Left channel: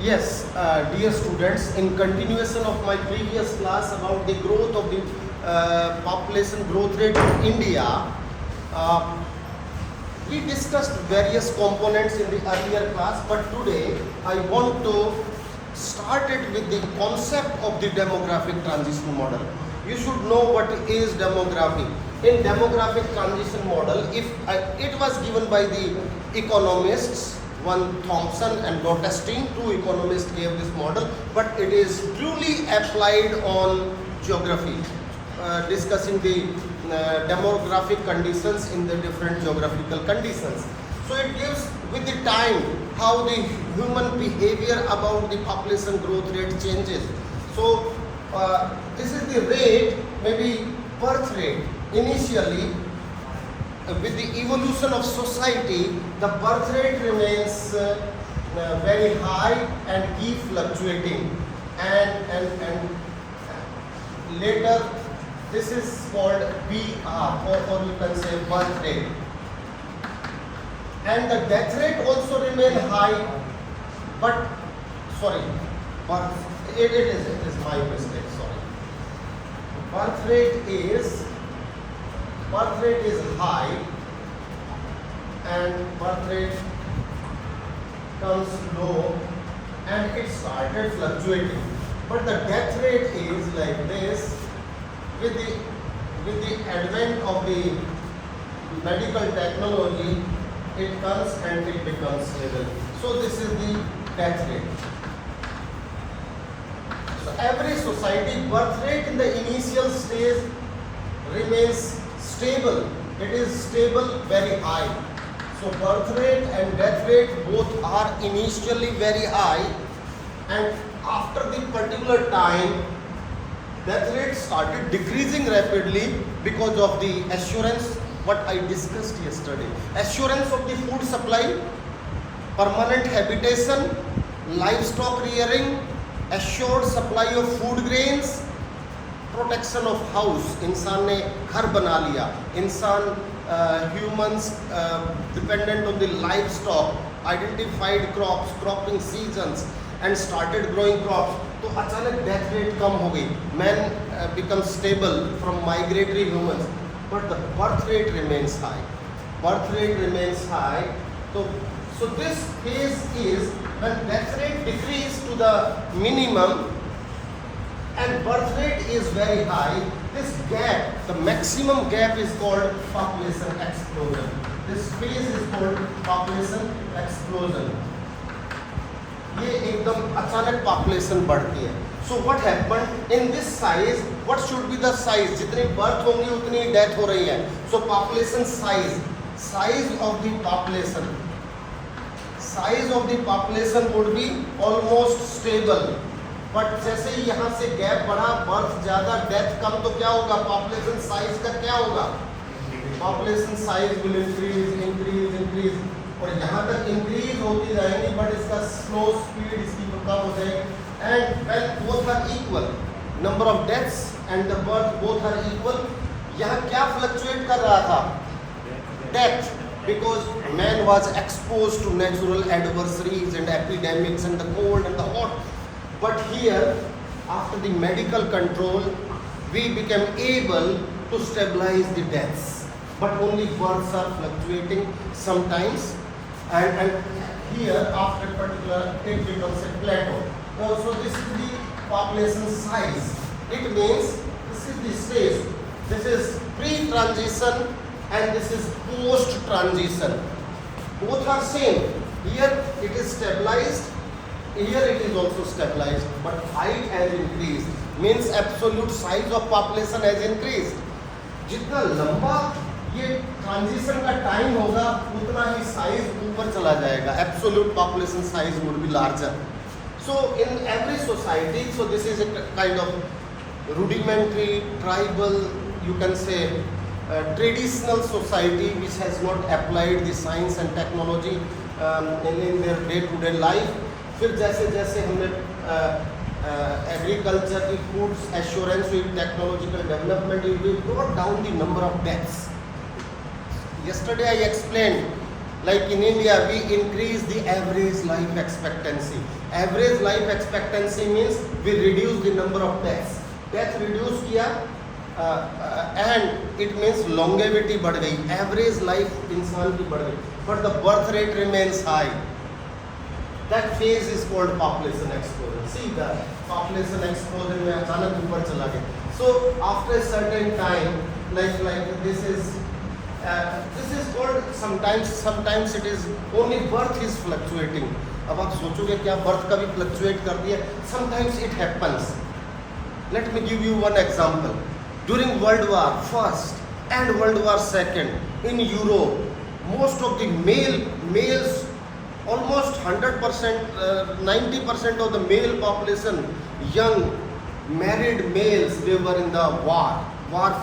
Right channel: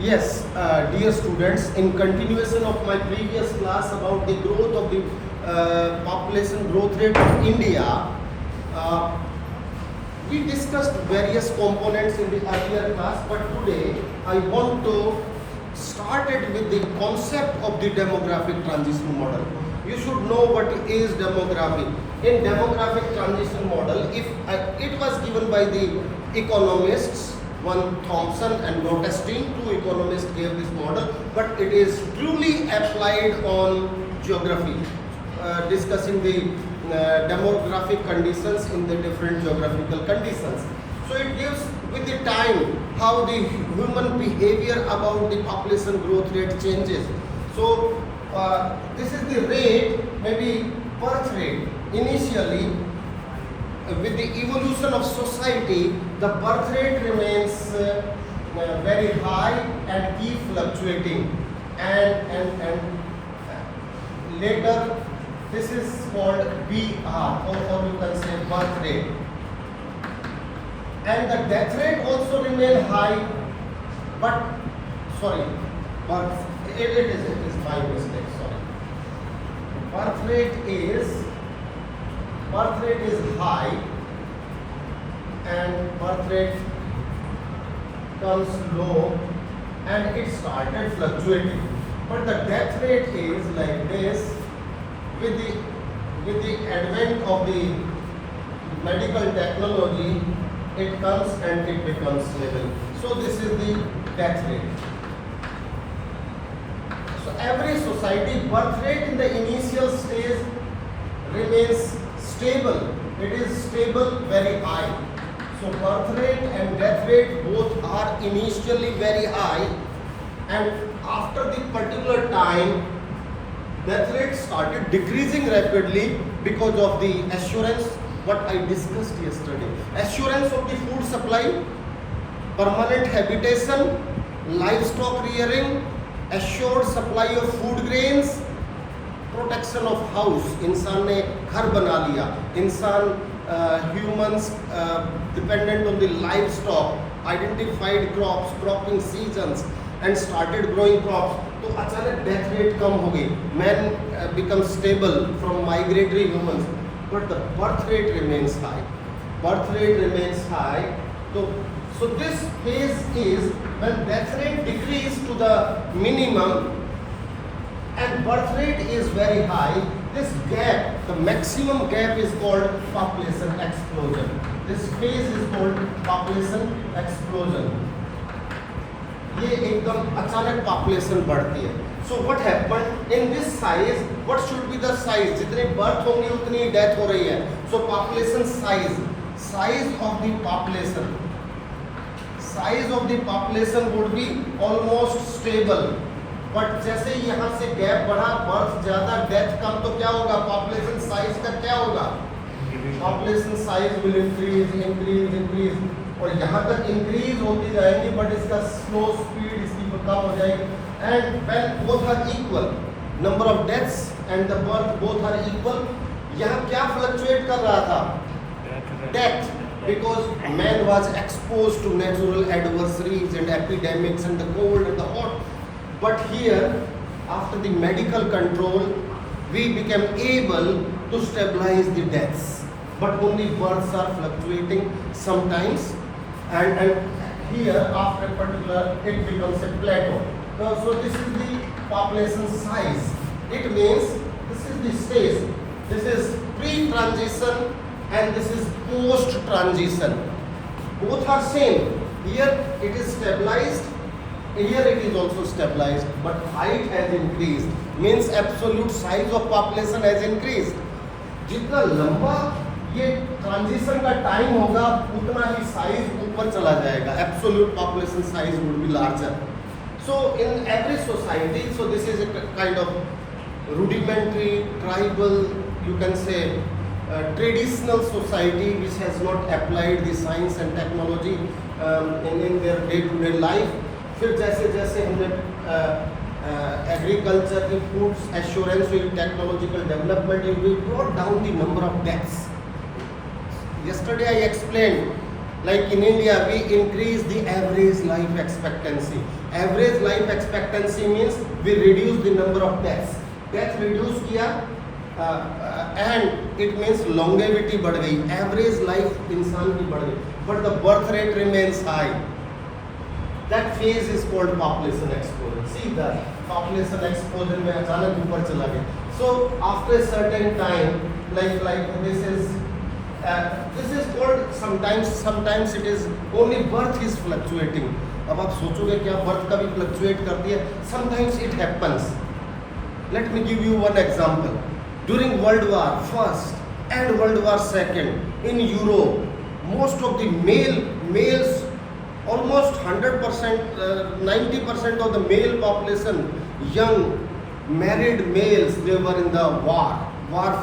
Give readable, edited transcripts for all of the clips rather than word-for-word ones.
Yes, dear students, in continuation of my previous class about the growth of the population growth rate of India, uh, we discussed various components in the earlier class, but today I want to start it with the concept of the demographic transition model. You should know what is demography. In demographic transition model, if it was given by the economists, one Thompson and Gottstein, two economists gave this model, but it is truly applied on geography, discussing the demographic conditions in the different geographical conditions. So it gives with the time how the human behavior about the population growth rate changes. So this is the rate, maybe birth rate. Initially, with the evolution of society, the birth rate remains very high and keep fluctuating, and later this is called BR, or you can say birth rate, and the death rate also remain high, but sorry, birth it is my mistake, sorry. Birth rate is high and birth rate comes low and it started fluctuating, but the death rate is like this. With the advent of the medical technology, it comes and it becomes stable. So this is the death rate. So every society birth rate in the initial stage remains stable. It is stable, very high. So birth rate and death rate both are initially very high, and after the particular time, death rate started decreasing rapidly because of the assurance what I discussed yesterday. Assurance of the food supply, permanent habitation, livestock rearing, assured supply of food grains, protection of house, इंसान ने घर बना लिया, इंसान humans dependent on the livestock, identified crops, cropping seasons and started growing crops. तो अचानक death rate कम हो गई, man become stable from migratory humans, but the birth rate remains high. Birth rate remains high. So this phase is when death rate decreases to the minimum and birth rate is very high. This gap, the maximum gap, is called population explosion. This phase is called population explosion. ये एकदम अचानक population बढ़ती है. So what happened in this size? What should be the size? जितनी birth होंगी उतनी death हो रही है. So population size of the population would be almost stable. But जैसे ही यहाँ से गैप बढ़ा, बर्थ ज़्यादा डेथ कम, तो क्या होगा, पॉपुलेशन साइज का क्या होगा, पॉपुलेशन साइज विल इंक्रीज और यहाँ तक इंक्रीज होती जाएंगी, बट इसका स्लो स्पीड इसकी कम हो जाएगी. And when both are equal, number of deaths and the birth both are equal, यहाँ क्या फ्लक्चुएट कर रहा था, death, because man was exposed to natural adversaries and epidemics and the cold and the hot. But here, after the medical control, we became able to stabilize the deaths. But only births are fluctuating sometimes. And here, after a particular, it becomes a plateau. So this is the population size. It means this is the stage. This is pre-transition and this is post-transition. Both are same. Here it is stabilized. Here it is also stabilized, but height has increased, means absolute size of population has increased. जितना लंबा ये transition का time होगा उतना ही size ऊपर चला जाएगा, absolute population size would be larger. So in every society, so this is a kind of rudimentary, tribal, you can say traditional society which has not applied the science and technology in their day-to-day life. फिर जैसे जैसे हमने agriculture की food assurance हुई, technological development हुई, brought down the number of deaths. Yesterday I explained Like in India, we increase the average life expectancy. Average life expectancy means we reduce the number of deaths. Death reduce किया, and it means longevity बढ़ गई. Average life इंसान की बढ़ गई, but the birth rate remains high. That phase is called population explosion. See the population explosion में अचानक ऊपर चला गया. So after a certain time, like this is called sometimes it is only birth is fluctuating. अब आप सोचोगे क्या birth कभी fluctuate करती है? Sometimes it happens. Let me give you one example. During World War First and World War Second in Europe, most of the males, almost 100%, 90% of the male population, young married males, they were in the war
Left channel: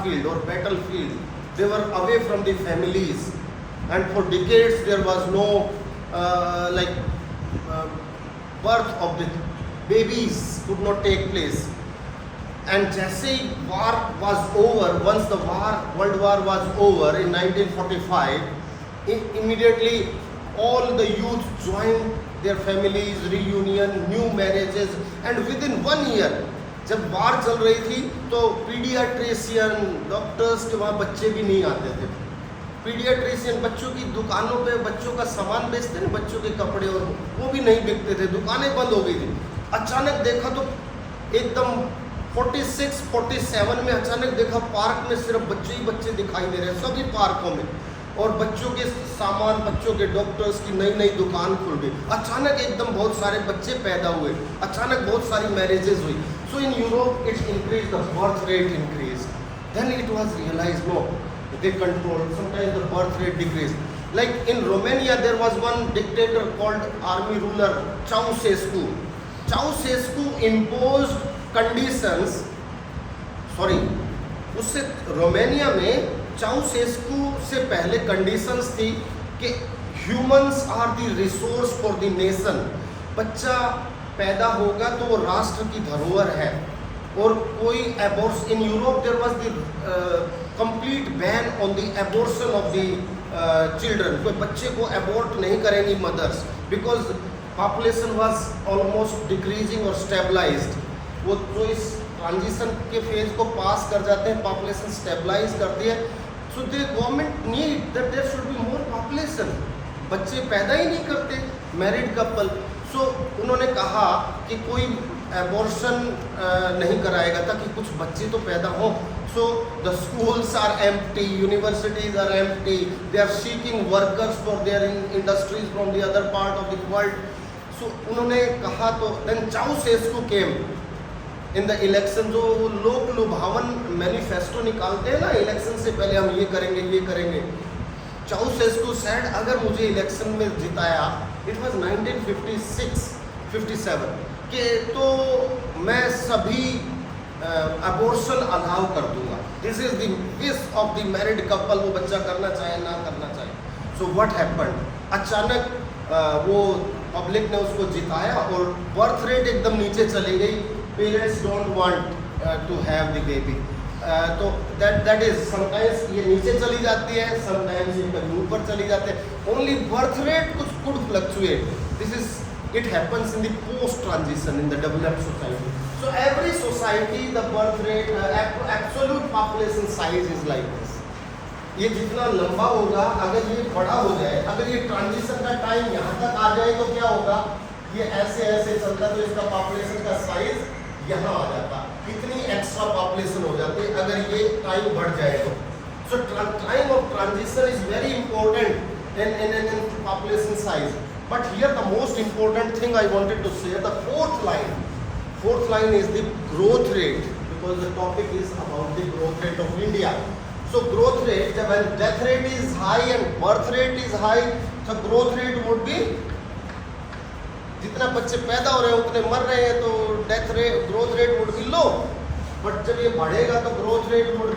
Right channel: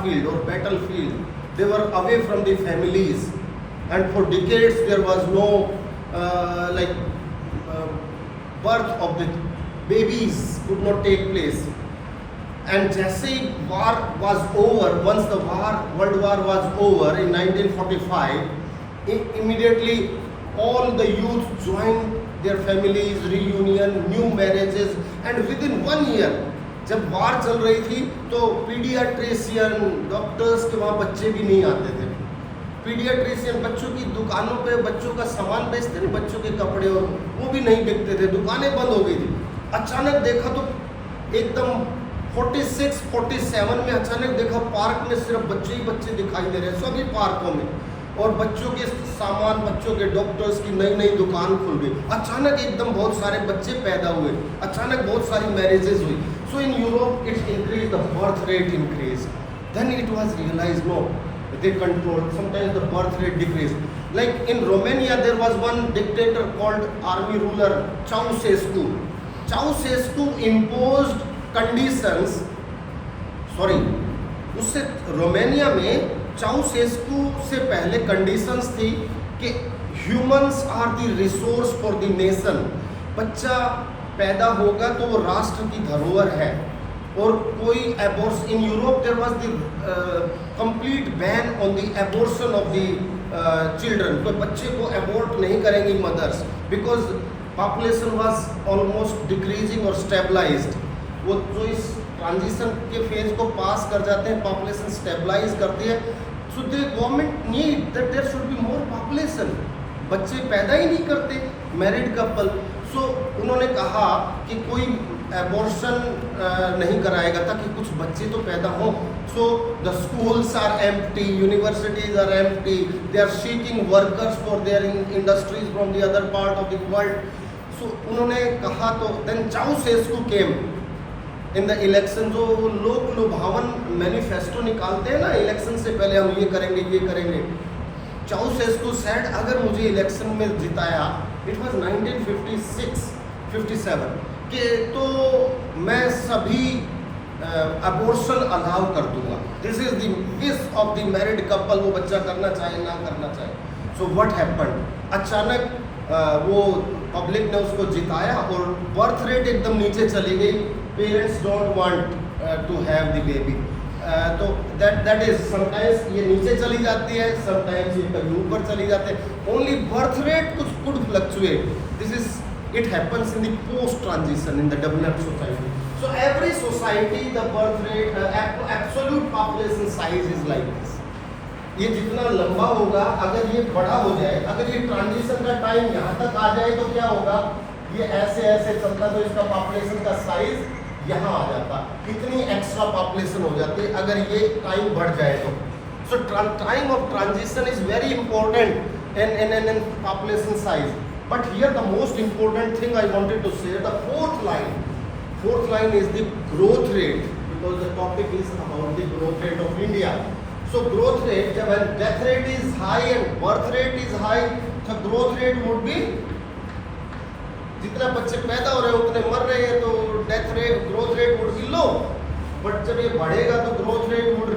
field or battlefield. They were away from the families, and for decades there was no birth of the babies could not take place. And जैसे ही war was over, once the World War was over in 1945, immediately all the youth joined their families, reunion, new marriages, and within 1 year, जब वार चल रही थी तो paediatrician doctors के वहाँ बच्चे भी नहीं आते थे. पीडियाट्रिशियन बच्चों की दुकानों पे बच्चों का सामान बेचते थे, बच्चों के कपड़े, और वो भी नहीं बिकते थे, दुकानें बंद हो गई थी. अचानक देखा तो एकदम 46-47 में अचानक देखा पार्क में सिर्फ बच्चे ही बच्चे दिखाई दे रहे हैं, सभी पार्कों में, और बच्चों के सामान, बच्चों के डॉक्टर्स की नई नई दुकान खुल गई. अचानक एकदम बहुत सारे बच्चे पैदा हुए, अचानक बहुत सारी मैरिजेस हुई. So in Europe it increased, the birth rate increased. Then it was realized, no, they controlled. Sometimes the birth rate decreased. Like in Romania there was one dictator called army ruler Ceausescu. Ceausescu imposed conditions. उससे Romania में Ceausescu से पहले conditions थी कि humans are the resource for the nation. बच्चा पैदा होगा तो वो राष्ट्र की धरोहर है, और कोई abortion in Europe there was the complete ban on the abortion of the children. कोई बच्चे को एबॉर्ट नहीं करेंगी mothers, because population was almost decreasing और स्टेबलाइज्ड. वो जो इस ट्रांजिशन के फेज को पास कर जाते हैं, पॉपुलेशन स्टेबलाइज करती है. So the government need that there should be more population. बच्चे पैदा ही नहीं करते मैरिड कपल. सो उन्होंने कहा कि कोई एबॉर्शन नहीं कराएगा ताकि कुछ बच्चे तो पैदा हों. So the schools are empty, universities are empty, they are seeking workers for their industries from the other part of the world. So उन्होंने कहा, तो then Ceausescu came in the election. जो लोक लुभावन मैनिफेस्टो निकालते हैं ना इलेक्शन से पहले, हम ये करेंगे ये करेंगे. चाउसेस्कू सेड, अगर मुझे इलेक्शन में जिताया, इट वाज 1956-57, कि तो मैं सभी अबॉर्शन अलाउ कर दूंगा. This is the wish of the married couple, वो बच्चा करना चाहे ना करना चाहे. सो व्हाट हैपेंड, अचानक वो पब्लिक ने उसको जिताया और बर्थ रेट एकदम नीचे चली गई. Parents don't want to have the baby. तो दैट इज समटाइम्स ये नीचे चली जाती है, समटाइम्स ये कभी ऊपर चली जाते हैं. Only birth rate could fluctuate. This is it happens in the post transition in the developed society. So every society the birth rate absolute population size is like this. ये जितना लंबा होगा, अगर ये बड़ा हो जाए, अगर ये ट्रांजिशन का टाइम यहाँ तक आ जाए तो क्या होगा, ये ऐसे ऐसे चलता तो इसका पॉपुलेशन का साइज यहाँ आ जाता. इतनी एक्स्ट्रा पॉपुलेशन हो जाती है अगर ये टाइम बढ़ जाए तो. So time of transition is very important in population size. But here the most important thing I wanted to say, the fourth line is the growth rate, because the topic is about the growth rate of India. So growth rate, when death rate is high and birth rate is high, the growth rate would be, जितना बच्चे पैदा हो रहे हैं उतने मर रहे हैं, तो death rate growth rate would be low. But जब ये बढ़ेगा तो growth rate would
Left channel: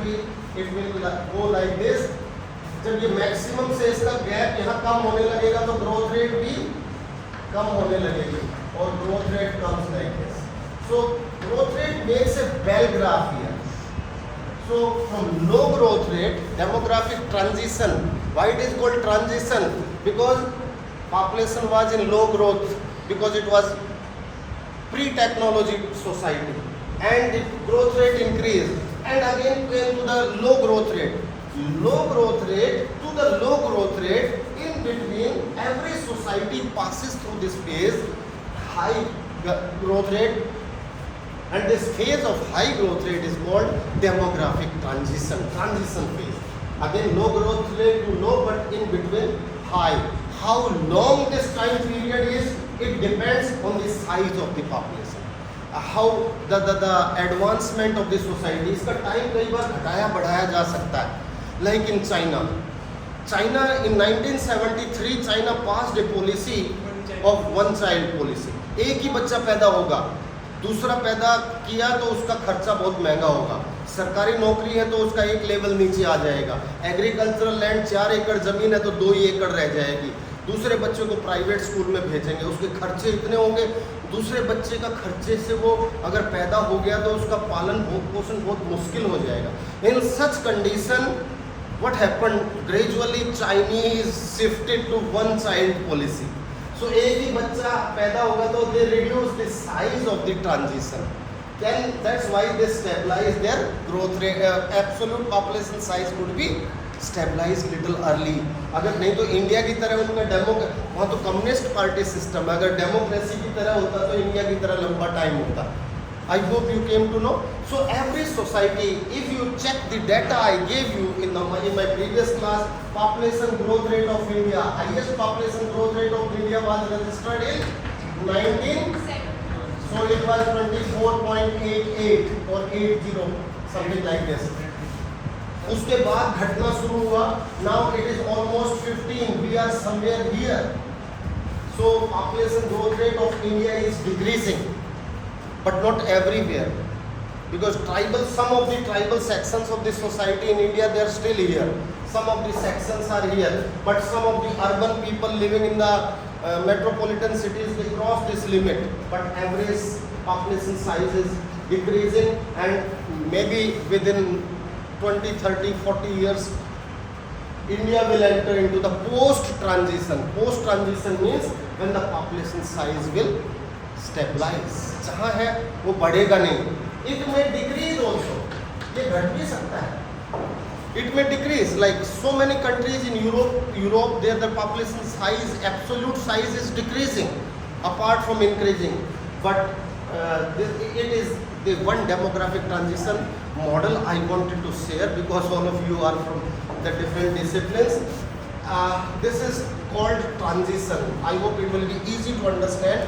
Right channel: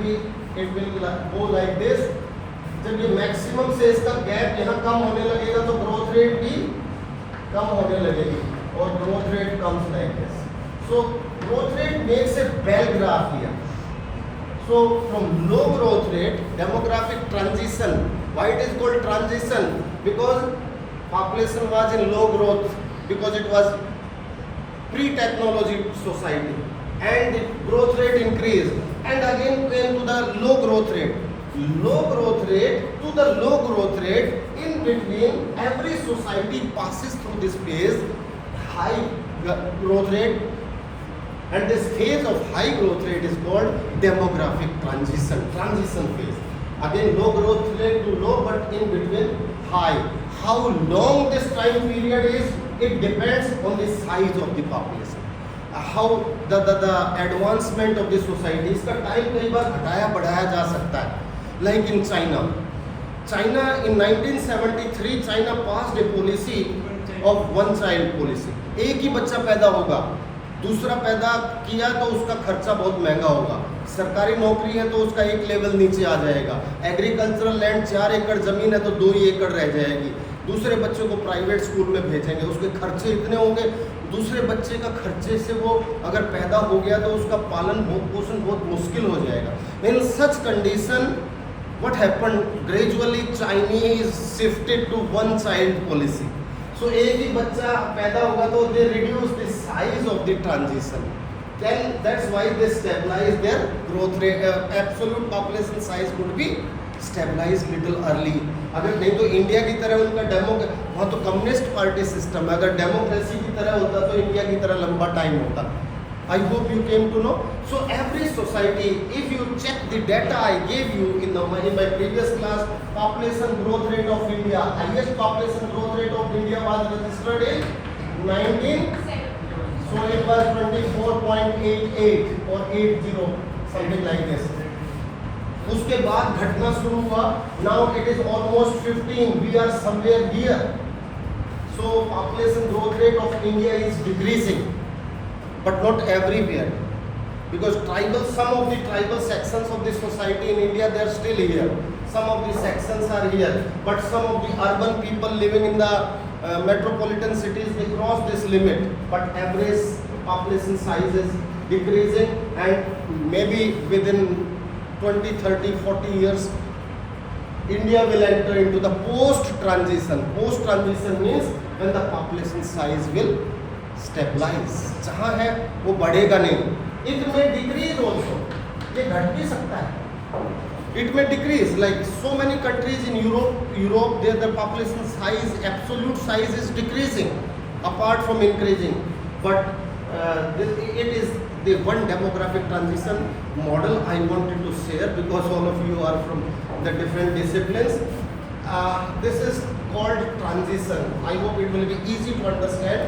be it will go like this. जब ये मैक्सिमम से इसका गैप यहाँ कम होने लगेगा तो ग्रोथ रेट भी कम होने लगेगी, और growth rate comes like this. So growth rate makes a bell graph here. So from low growth rate, demographic transition Why it is called transition? Because population was in low growth, because it was pre-technology society, and the growth rate increased, and again came to the low growth rate. Low growth rate to the low growth rate, in between every society passes through this phase, high growth rate, and this phase of high growth rate is called demographic transition phase. Again low growth rate to low, but in between high. How long this time period is, it depends on the size of the population, how the advancement of the society. इसका time कई बार घटाया बढ़ाया जा सकता है. Like in China in 1973 China passed a policy of one child policy. एक ही बच्चा पैदा होगा, दूसरा पैदा किया तो उसका खर्चा बहुत महंगा होगा. सरकारी नौकरी है तो उसका एक लेवल नीचे आ जाएगा. एग्रीकल्चरल लैंड 4 एकड़ जमीन है तो 2 ही एकड़ रह जाएगी. दूसरे बच्चों को प्राइवेट स्कूल में भेजेंगे, उसके खर्चे इतने होंगे. दूसरे बच्चे का खर्चे से वो अगर पैदा हो गया तो उसका पालन पोषण बहुत मुश्किल हो जाएगा. In such condition what happened, gradually Chinese shifted to one child policy. So एक ही बच्चा पैदा होगा तो they reduce the size of the transition. Then that's why they stabilize their growth rate. Absolute population size could be stabilized little early. अगर नहीं तो India की तरह उनका वहाँ तो कम्युनिस्ट पार्टी सिस्टम है. अगर डेमोक्रेसी की तरह होता तो इंडिया की तरह लंबा टाइम होता. I hope you came to know. So every society, if you check the data I gave you in my previous class, population growth rate of India, highest population growth rate of India was registered in 19. So it was 24.88 or 80, something like this. उसके बाद घटना शुरू हुआ. Now it is almost 15. We are somewhere here. So population growth rate of India is decreasing. But not everywhere, because some of the tribal sections of the society in India, they are still here. Some of the sections are here, but some of the urban people living in the metropolitan cities, they cross this limit. But average population size is decreasing, and maybe within 20, 30, 40 years, India will enter into the post-transition. Post-transition means when the population size will stabilize. जहाँ है वो बढ़ेगा नहीं. It may decrease also. ये घट भी सकता है. It may decrease, like so many countries in Europe, there the population size, absolute size is decreasing, apart from increasing. But it is the one demographic transition model I wanted to share, because all of you are from the different disciplines. This is called transition. I hope it will be easy to understand.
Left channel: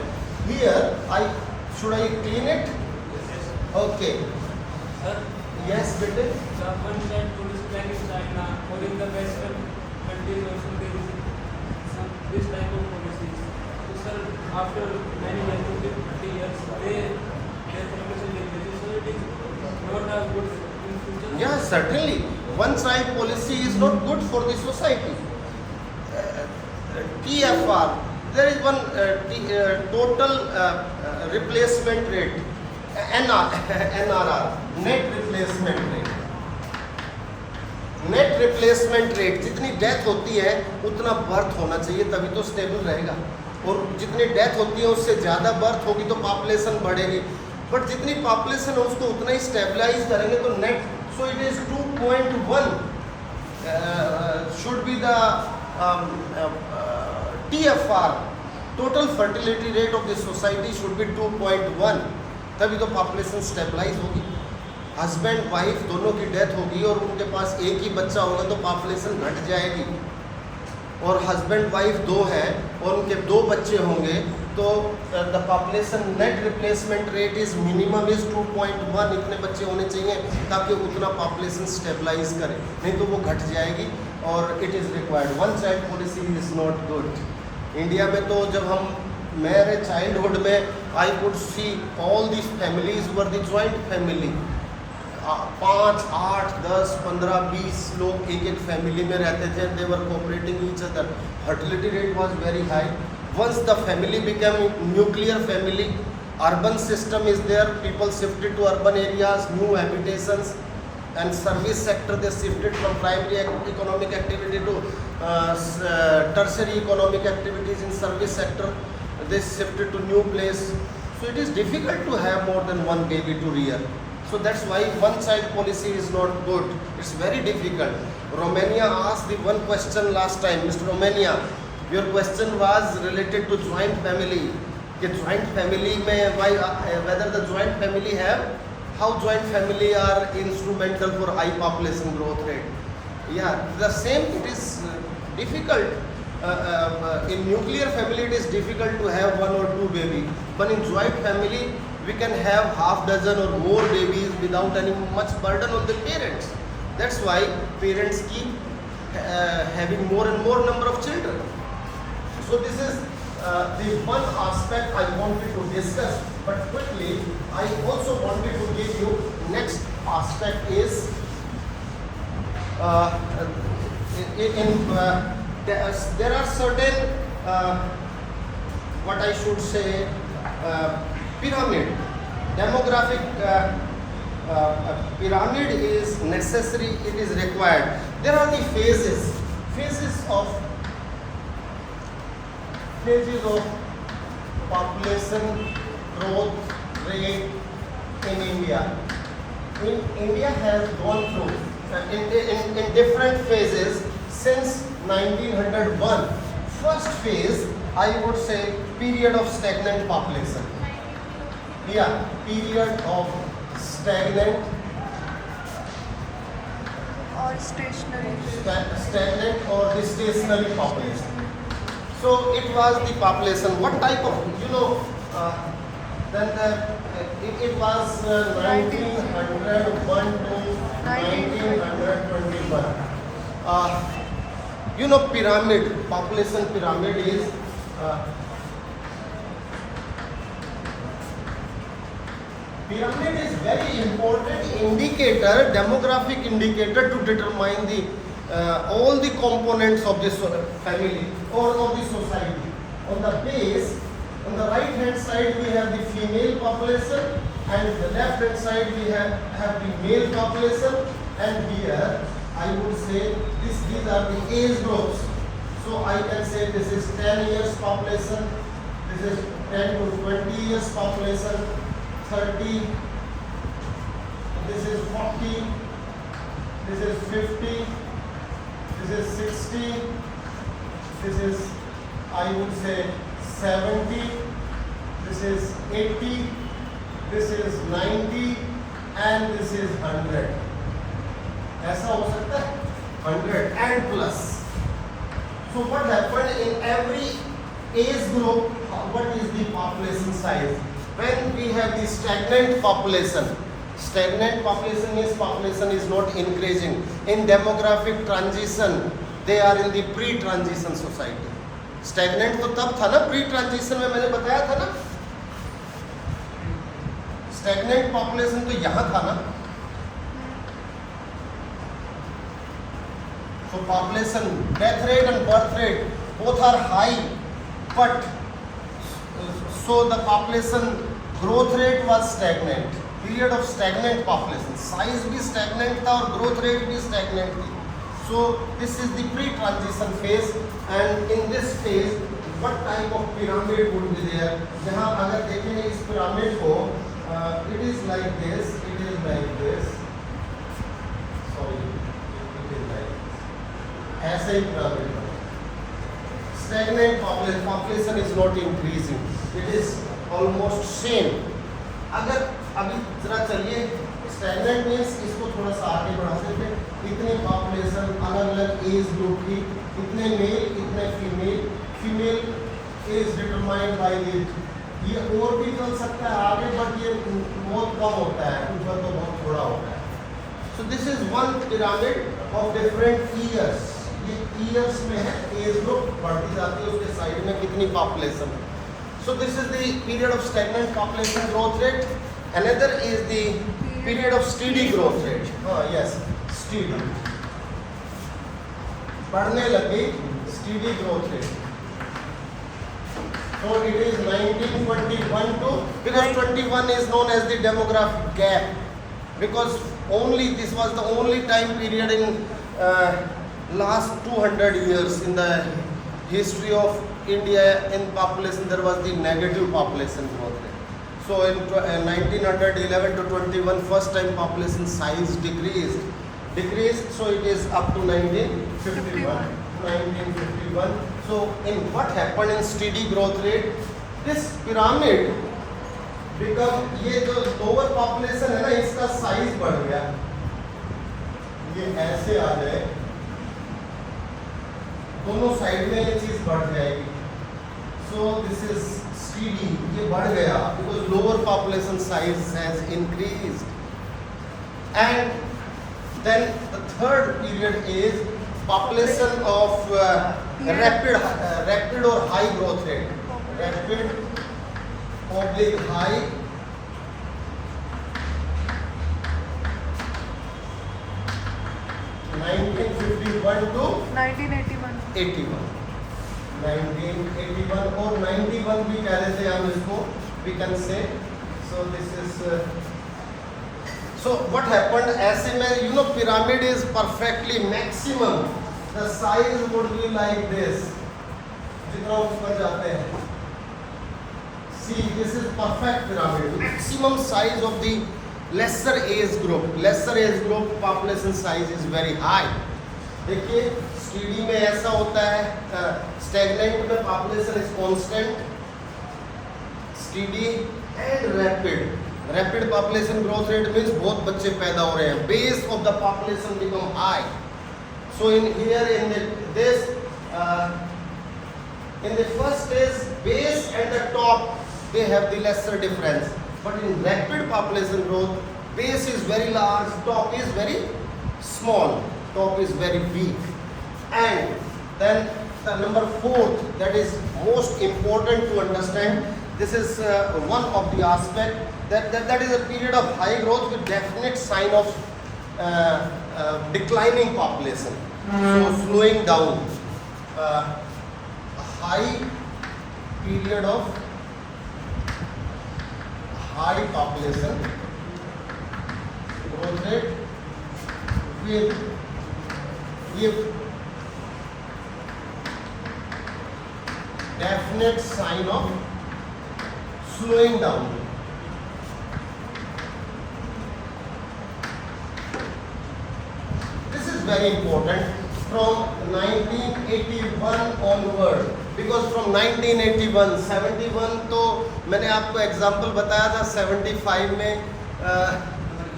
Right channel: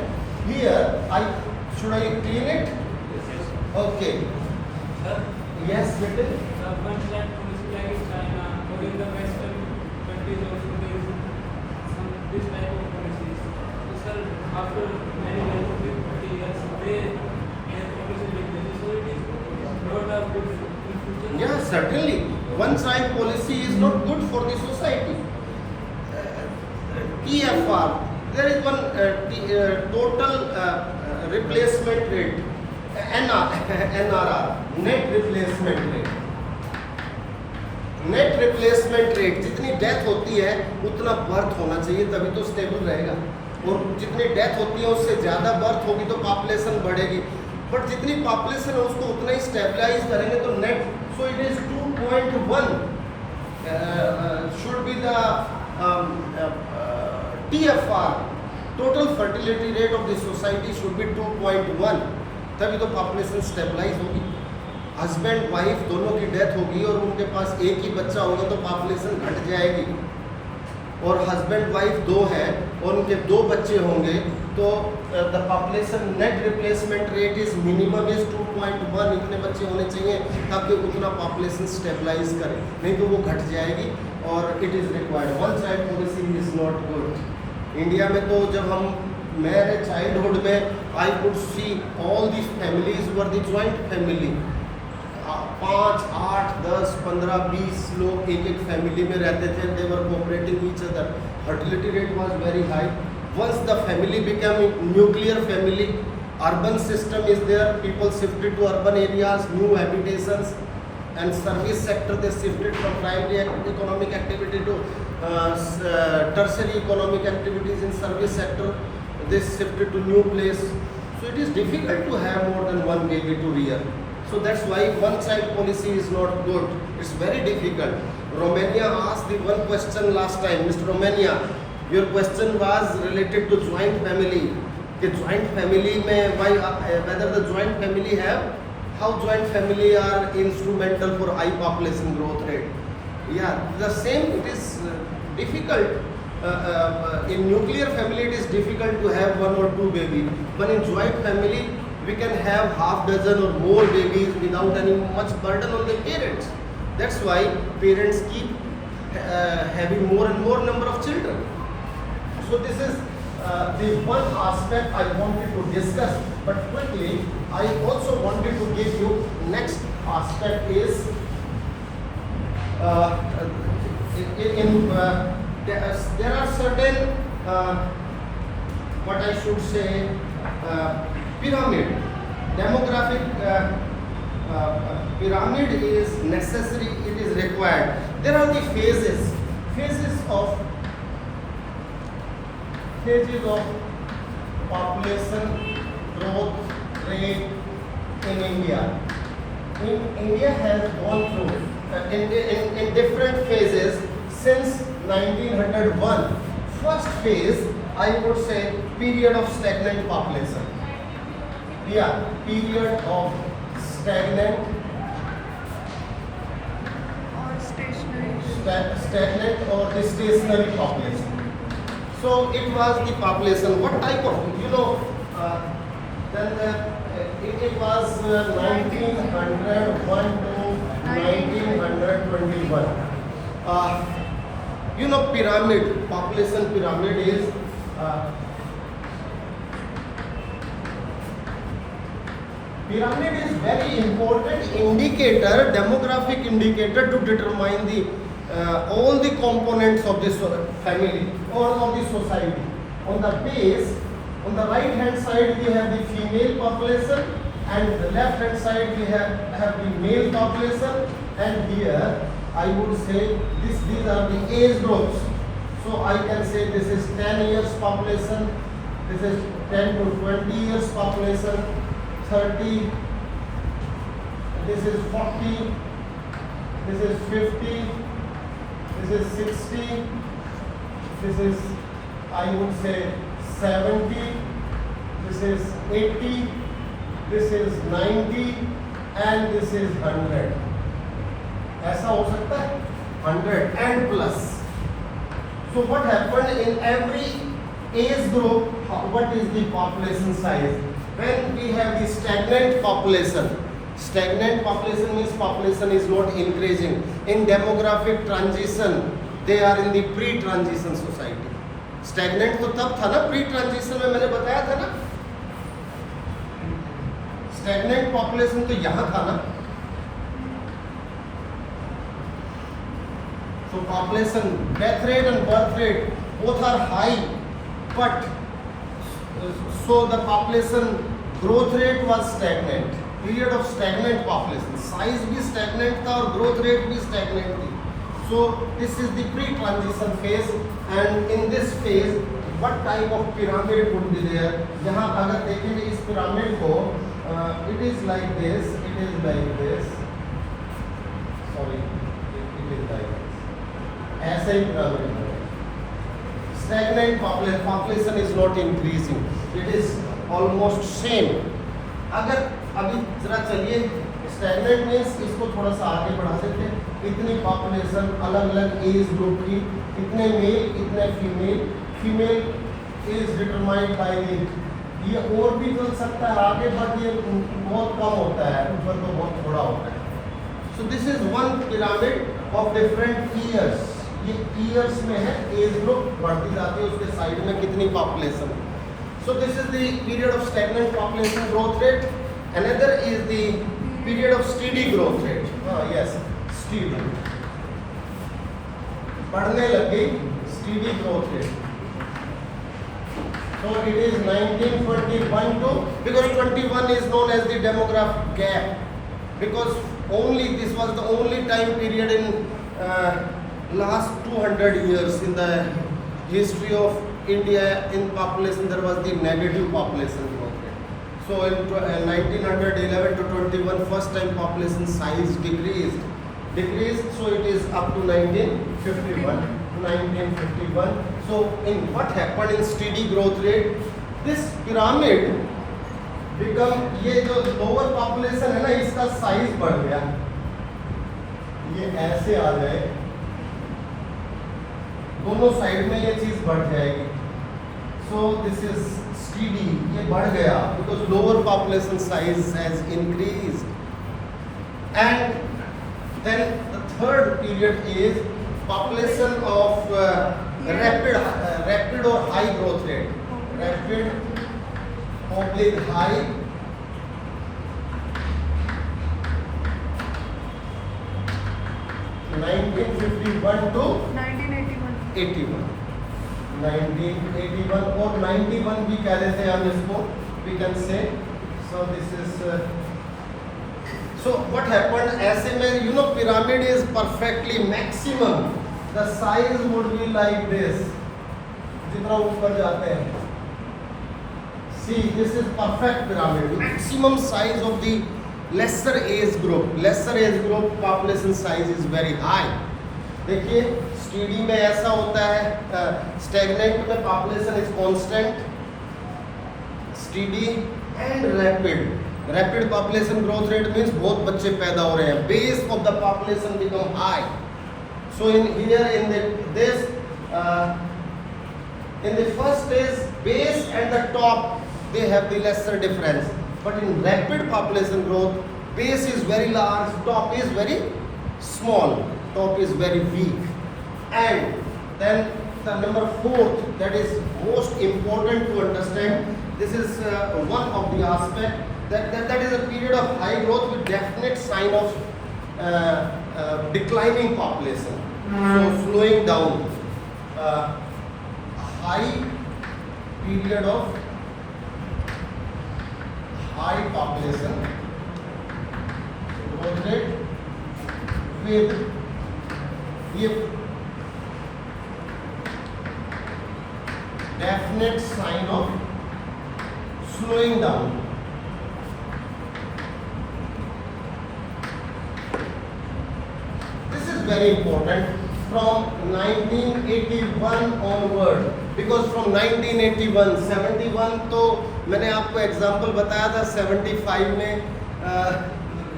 Here, should I clean it? Okay. Sir? Yes, better. Sir, one time to this flag is China, or in the Western countries also there is this type of policies. So sir, after many 30 years, their population decreases. So it is not a good in future. Yeah, certainly. One child policy is not good for the society. TFR. There is one total replacement rate, NRR, net replacement rate. Net replacement rate, जितनी death होती है उतना birth होना चाहिए, तभी तो stable रहेगा. और जितनी डेथ होती है उससे ज़्यादा बर्थ होगी तो पॉपुलेशन बढ़ेगी. बट जितनी पॉपुलेशन है उसको उतना ही स्टेबलाइज करेंगे तो net. So it is 2.1 should be the TFR, total fertility rate of the society should be 2.1. तभी तो पॉपुलेशन स्टेबलाइज होगी. हस्बैंड वाइफ दोनों की डेथ होगी और उनके पास एक ही बच्चा होगा तो पॉपुलेशन घट जाएगी. और हस्बैंड वाइफ 2 हैं और उनके 2 बच्चे होंगे तो the population net replacement rate is minimum is 2.1. इतने बच्चे होने चाहिए ताकि उतना पॉपुलेशन स्टेबलाइज करे, नहीं तो वो घट जाएगी. और it is required. One child policy is not good. India में तो जब मेरे चाइल्डहुड में I could see all these families were the joint family. 5, 8, 10, 15, 20 लोग एक फैमिली में रहते थे. They were cooperating each other. Fertility rate was very high. Once the family become nuclear family, urban system is there, people shifted to urban areas, new habitations, and service sector they shifted from primary economic activity to tertiary economic activities in service sector. They shifted to new place. So it is difficult to have more than one baby to rear. So that's why one-child policy is not good. It's very difficult. Romania asked the one question last time. Mr. Romania, your question was related to joint family. The joint family में why whether the joint family have how joint family are instrumental for high population growth rate. Yeah, the same. It is difficult. In nuclear family, it is difficult to have one or two baby. But in joint family, we can have half dozen or more babies without any much burden on the parents. That's why parents keep having more and more number of children. So this is the one aspect I wanted to discuss. But quickly, I also wanted to give you next aspect is there are certain what I should say pyramid demographic pyramid is necessary, it is required. There are the phases of population growth rate in India. India has gone through in different phases since 1901. First phase, I would say, period of stagnant population. Yeah, period of stagnant stagnant or the stationary population. So it was the population. What type of, it was 1901 to 1921. Pyramid, population pyramid is pyramid is very important indicator, demographic indicator to determine the all the components of this family or of the society. On the base, on the right hand side we have the female population, and the left hand side we have the male population, and here I would say these are the age groups. So I can say this is 10 years population, this is 10 to 20 years population, 30, this is 40, this is 50, this is 60, this is I would say 70, this is 80, this is 90, and this is 100. ऐसा हो सकता है 100 and plus. So what happened in every age group? What is the population size? When we have the stagnant population means population is not increasing. In demographic transition, they are in the pre-transition society. Stagnant तो तब था ना, pre-transition में मैंने बताया था ना. Stagnant population तो यहाँ था ना. So population death rate and birth rate both are high, but so the population growth rate was stagnant. Period of stagnant population, size भी stagnant था और growth rate भी stagnant थी. So this is the pre-transition phase, and in this phase what type of pyramid would be there? यहाँ अगर देखेंगे इस pyramid को, it is like this, it is like this. Sorry, it is like this. ऐसा ही pyramid है. Stagnant population is not increasing. It is almost same. अगर अभी जरा चलिए, stagnant means इसको थोड़ा सा आगे बढ़ा देते हैं. इतनी population अलग अलग एज ग्रुप की, इतने मेल इतने female is determined by the, ये और भी चल सकता है आगे, बट ये बहुत कम होता है, ऊपर तो बहुत थोड़ा होता है. So this is one pyramid of different years. ये years में है, एज ग्रुप बढ़ती जाती है, उसके साइड में कितनी population है. So this is the period of stagnant population growth rate. Another is the period of steady growth rate. Yes, steady. बढ़ने लगी steady growth rate. So it is 1921 to, because 21 is known as the demographic gap, because only this was the only time period in last 200 years in the history of India in population there was the negative population growth rate. So in 1911 to 21 first time population size decreased, so it is up to 1951. So in what happened in steady growth rate, this pyramid become, ये जो lower population है ना इसका size बढ़ गया, ये ऐसे आ जाए, दोनों साइड में ये चीज बढ़ जाएगी. So this is steady, ये बढ़ गया because lower population size has increased. And then the third period is population of rapid or high growth rate. Rapid oblique high. (1951 to 1981. 1981 और 91 भी कह लेते हैं हम इसको, we can say. So this is so what happened, ऐसे में you know pyramid is perfectly maximum, the size would be like this, जितना ऊपर जाते हैं. See, this is perfect pyramid, maximum size of the lesser age group population size is very high. देखिए steady में ऐसा होता है, स्टैग्नेंट में population is constant, steady and rapid population growth rate means बहुत बच्चे पैदा हो रहे हैं, base of the population become high. So in here in this in the first stage base and the top they have the lesser difference, but in rapid population growth base is very large, top is very small, top is very weak. And then the number fourth, that is most important to understand, this is one of the aspect that is a period of high growth with definite sign of declining population, so slowing down. High period of high population growth rate with definite sign of slowing down. This is very important from 1981 onward, because from 1981 71 तो मैंने आपको example बताया था, 75 में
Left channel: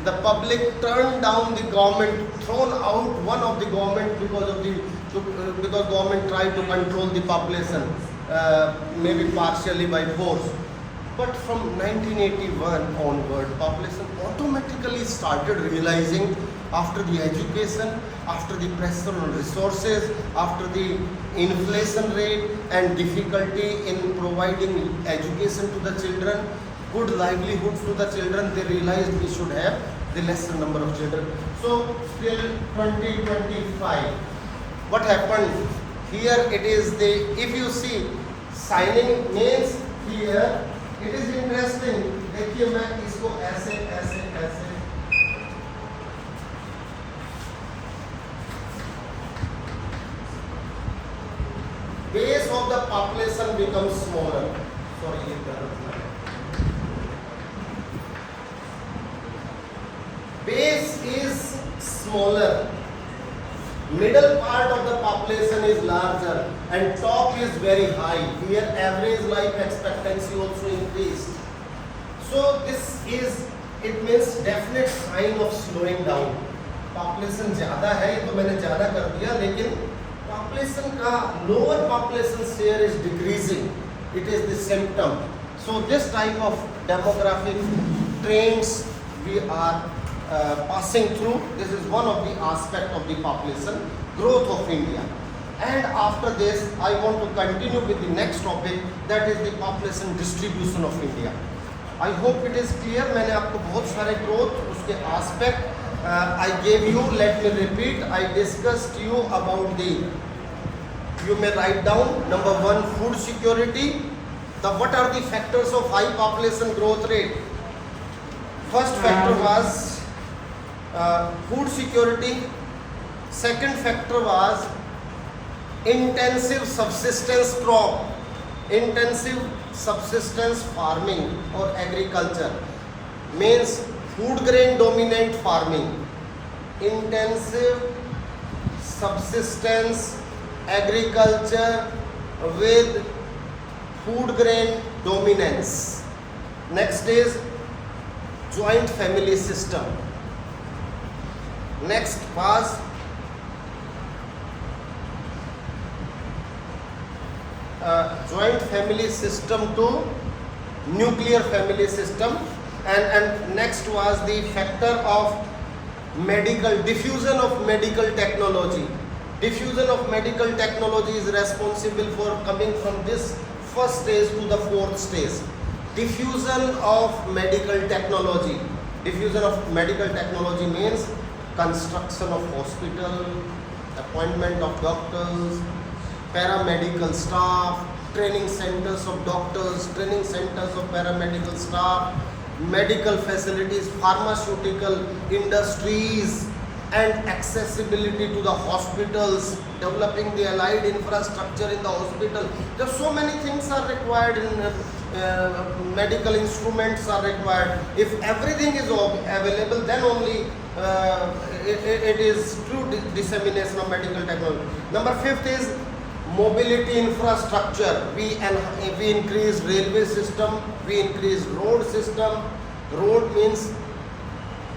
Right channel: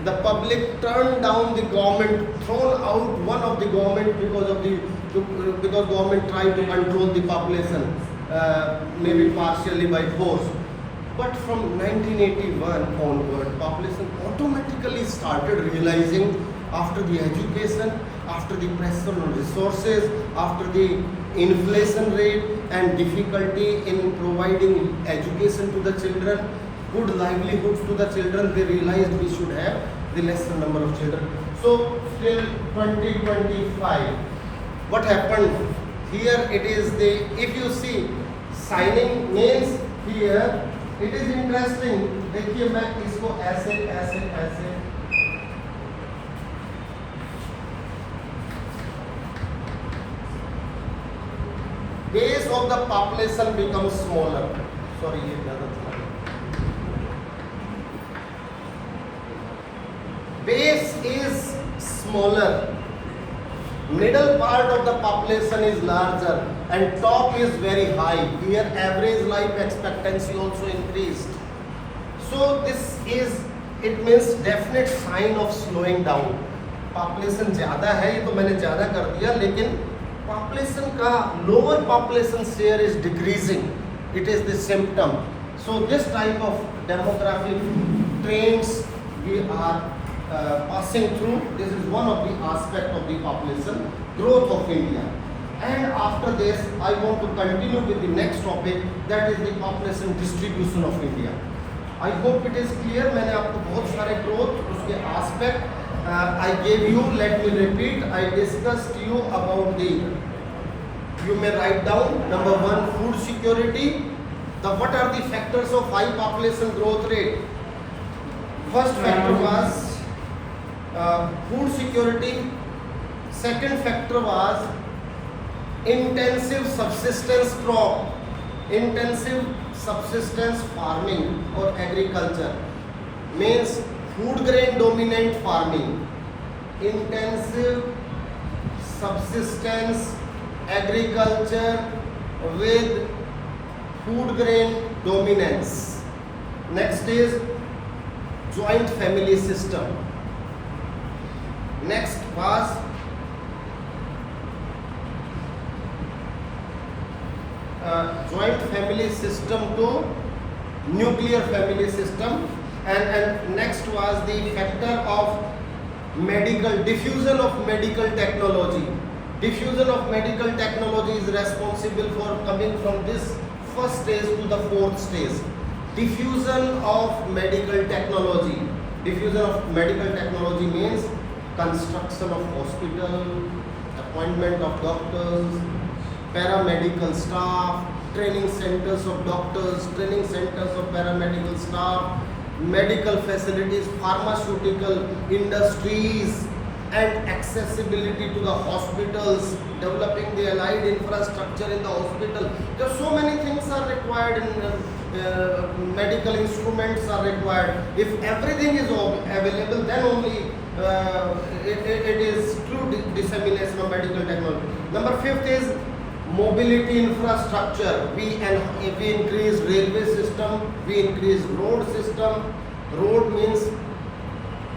the public turned down the government, thrown out one of the government because government tried to control the population, maybe partially by force. But from 1981 onward, population automatically started realizing, after the education, after the pressure on resources, after the inflation rate and difficulty in providing education to the children, good livelihoods to the children, they realized we should have the lesser number of children. So till 2025, what happened here, it is the, if you see signing means here, it is interesting. देखिए मैं इसको ऐसे base of the population becomes smaller. Sorry, ये गलत था. Base is smaller, middle part of the population is larger, and top is very high. Here average life expectancy also increased. So this is, it means definite sign of slowing down. Population ज़्यादा है, ये तो मैंने ज़्यादा कर दिया, लेकिन population का lower population share is decreasing. It is the symptom. So this type of demographic trends we are passing through. This is one of the aspect of the population growth of India. And after this, I want to continue with the next topic, that is the population distribution of India. I hope it is clear. मैंने आपको बहुत सारे growth उसके aspect I gave you. Let me repeat. I discussed you about the, you may write down, number one, food security. What are the factors of high population growth rate? First factor was food security. Second factor was intensive subsistence crop, intensive subsistence farming or agriculture means food grain dominant farming, intensive subsistence agriculture with food grain dominance. Next is joint family system. Next was joint family system to nuclear family system, and next was the factor of medical diffusion of medical technology. Diffusion of medical technology is responsible for coming from this first stage to the fourth stage. Diffusion of medical technology. Diffusion of medical technology means construction of hospital, appointment of doctors, paramedical staff, training centers of doctors, training centers of paramedical staff, medical facilities, pharmaceutical industries, and accessibility to the hospitals, developing the allied infrastructure in the hospital. There are so many things are required in medical instruments are required. If everything is available, then only it is true dissemination of medical technology. Number 5th is mobility infrastructure. We increase railway system, we increase road system. Road means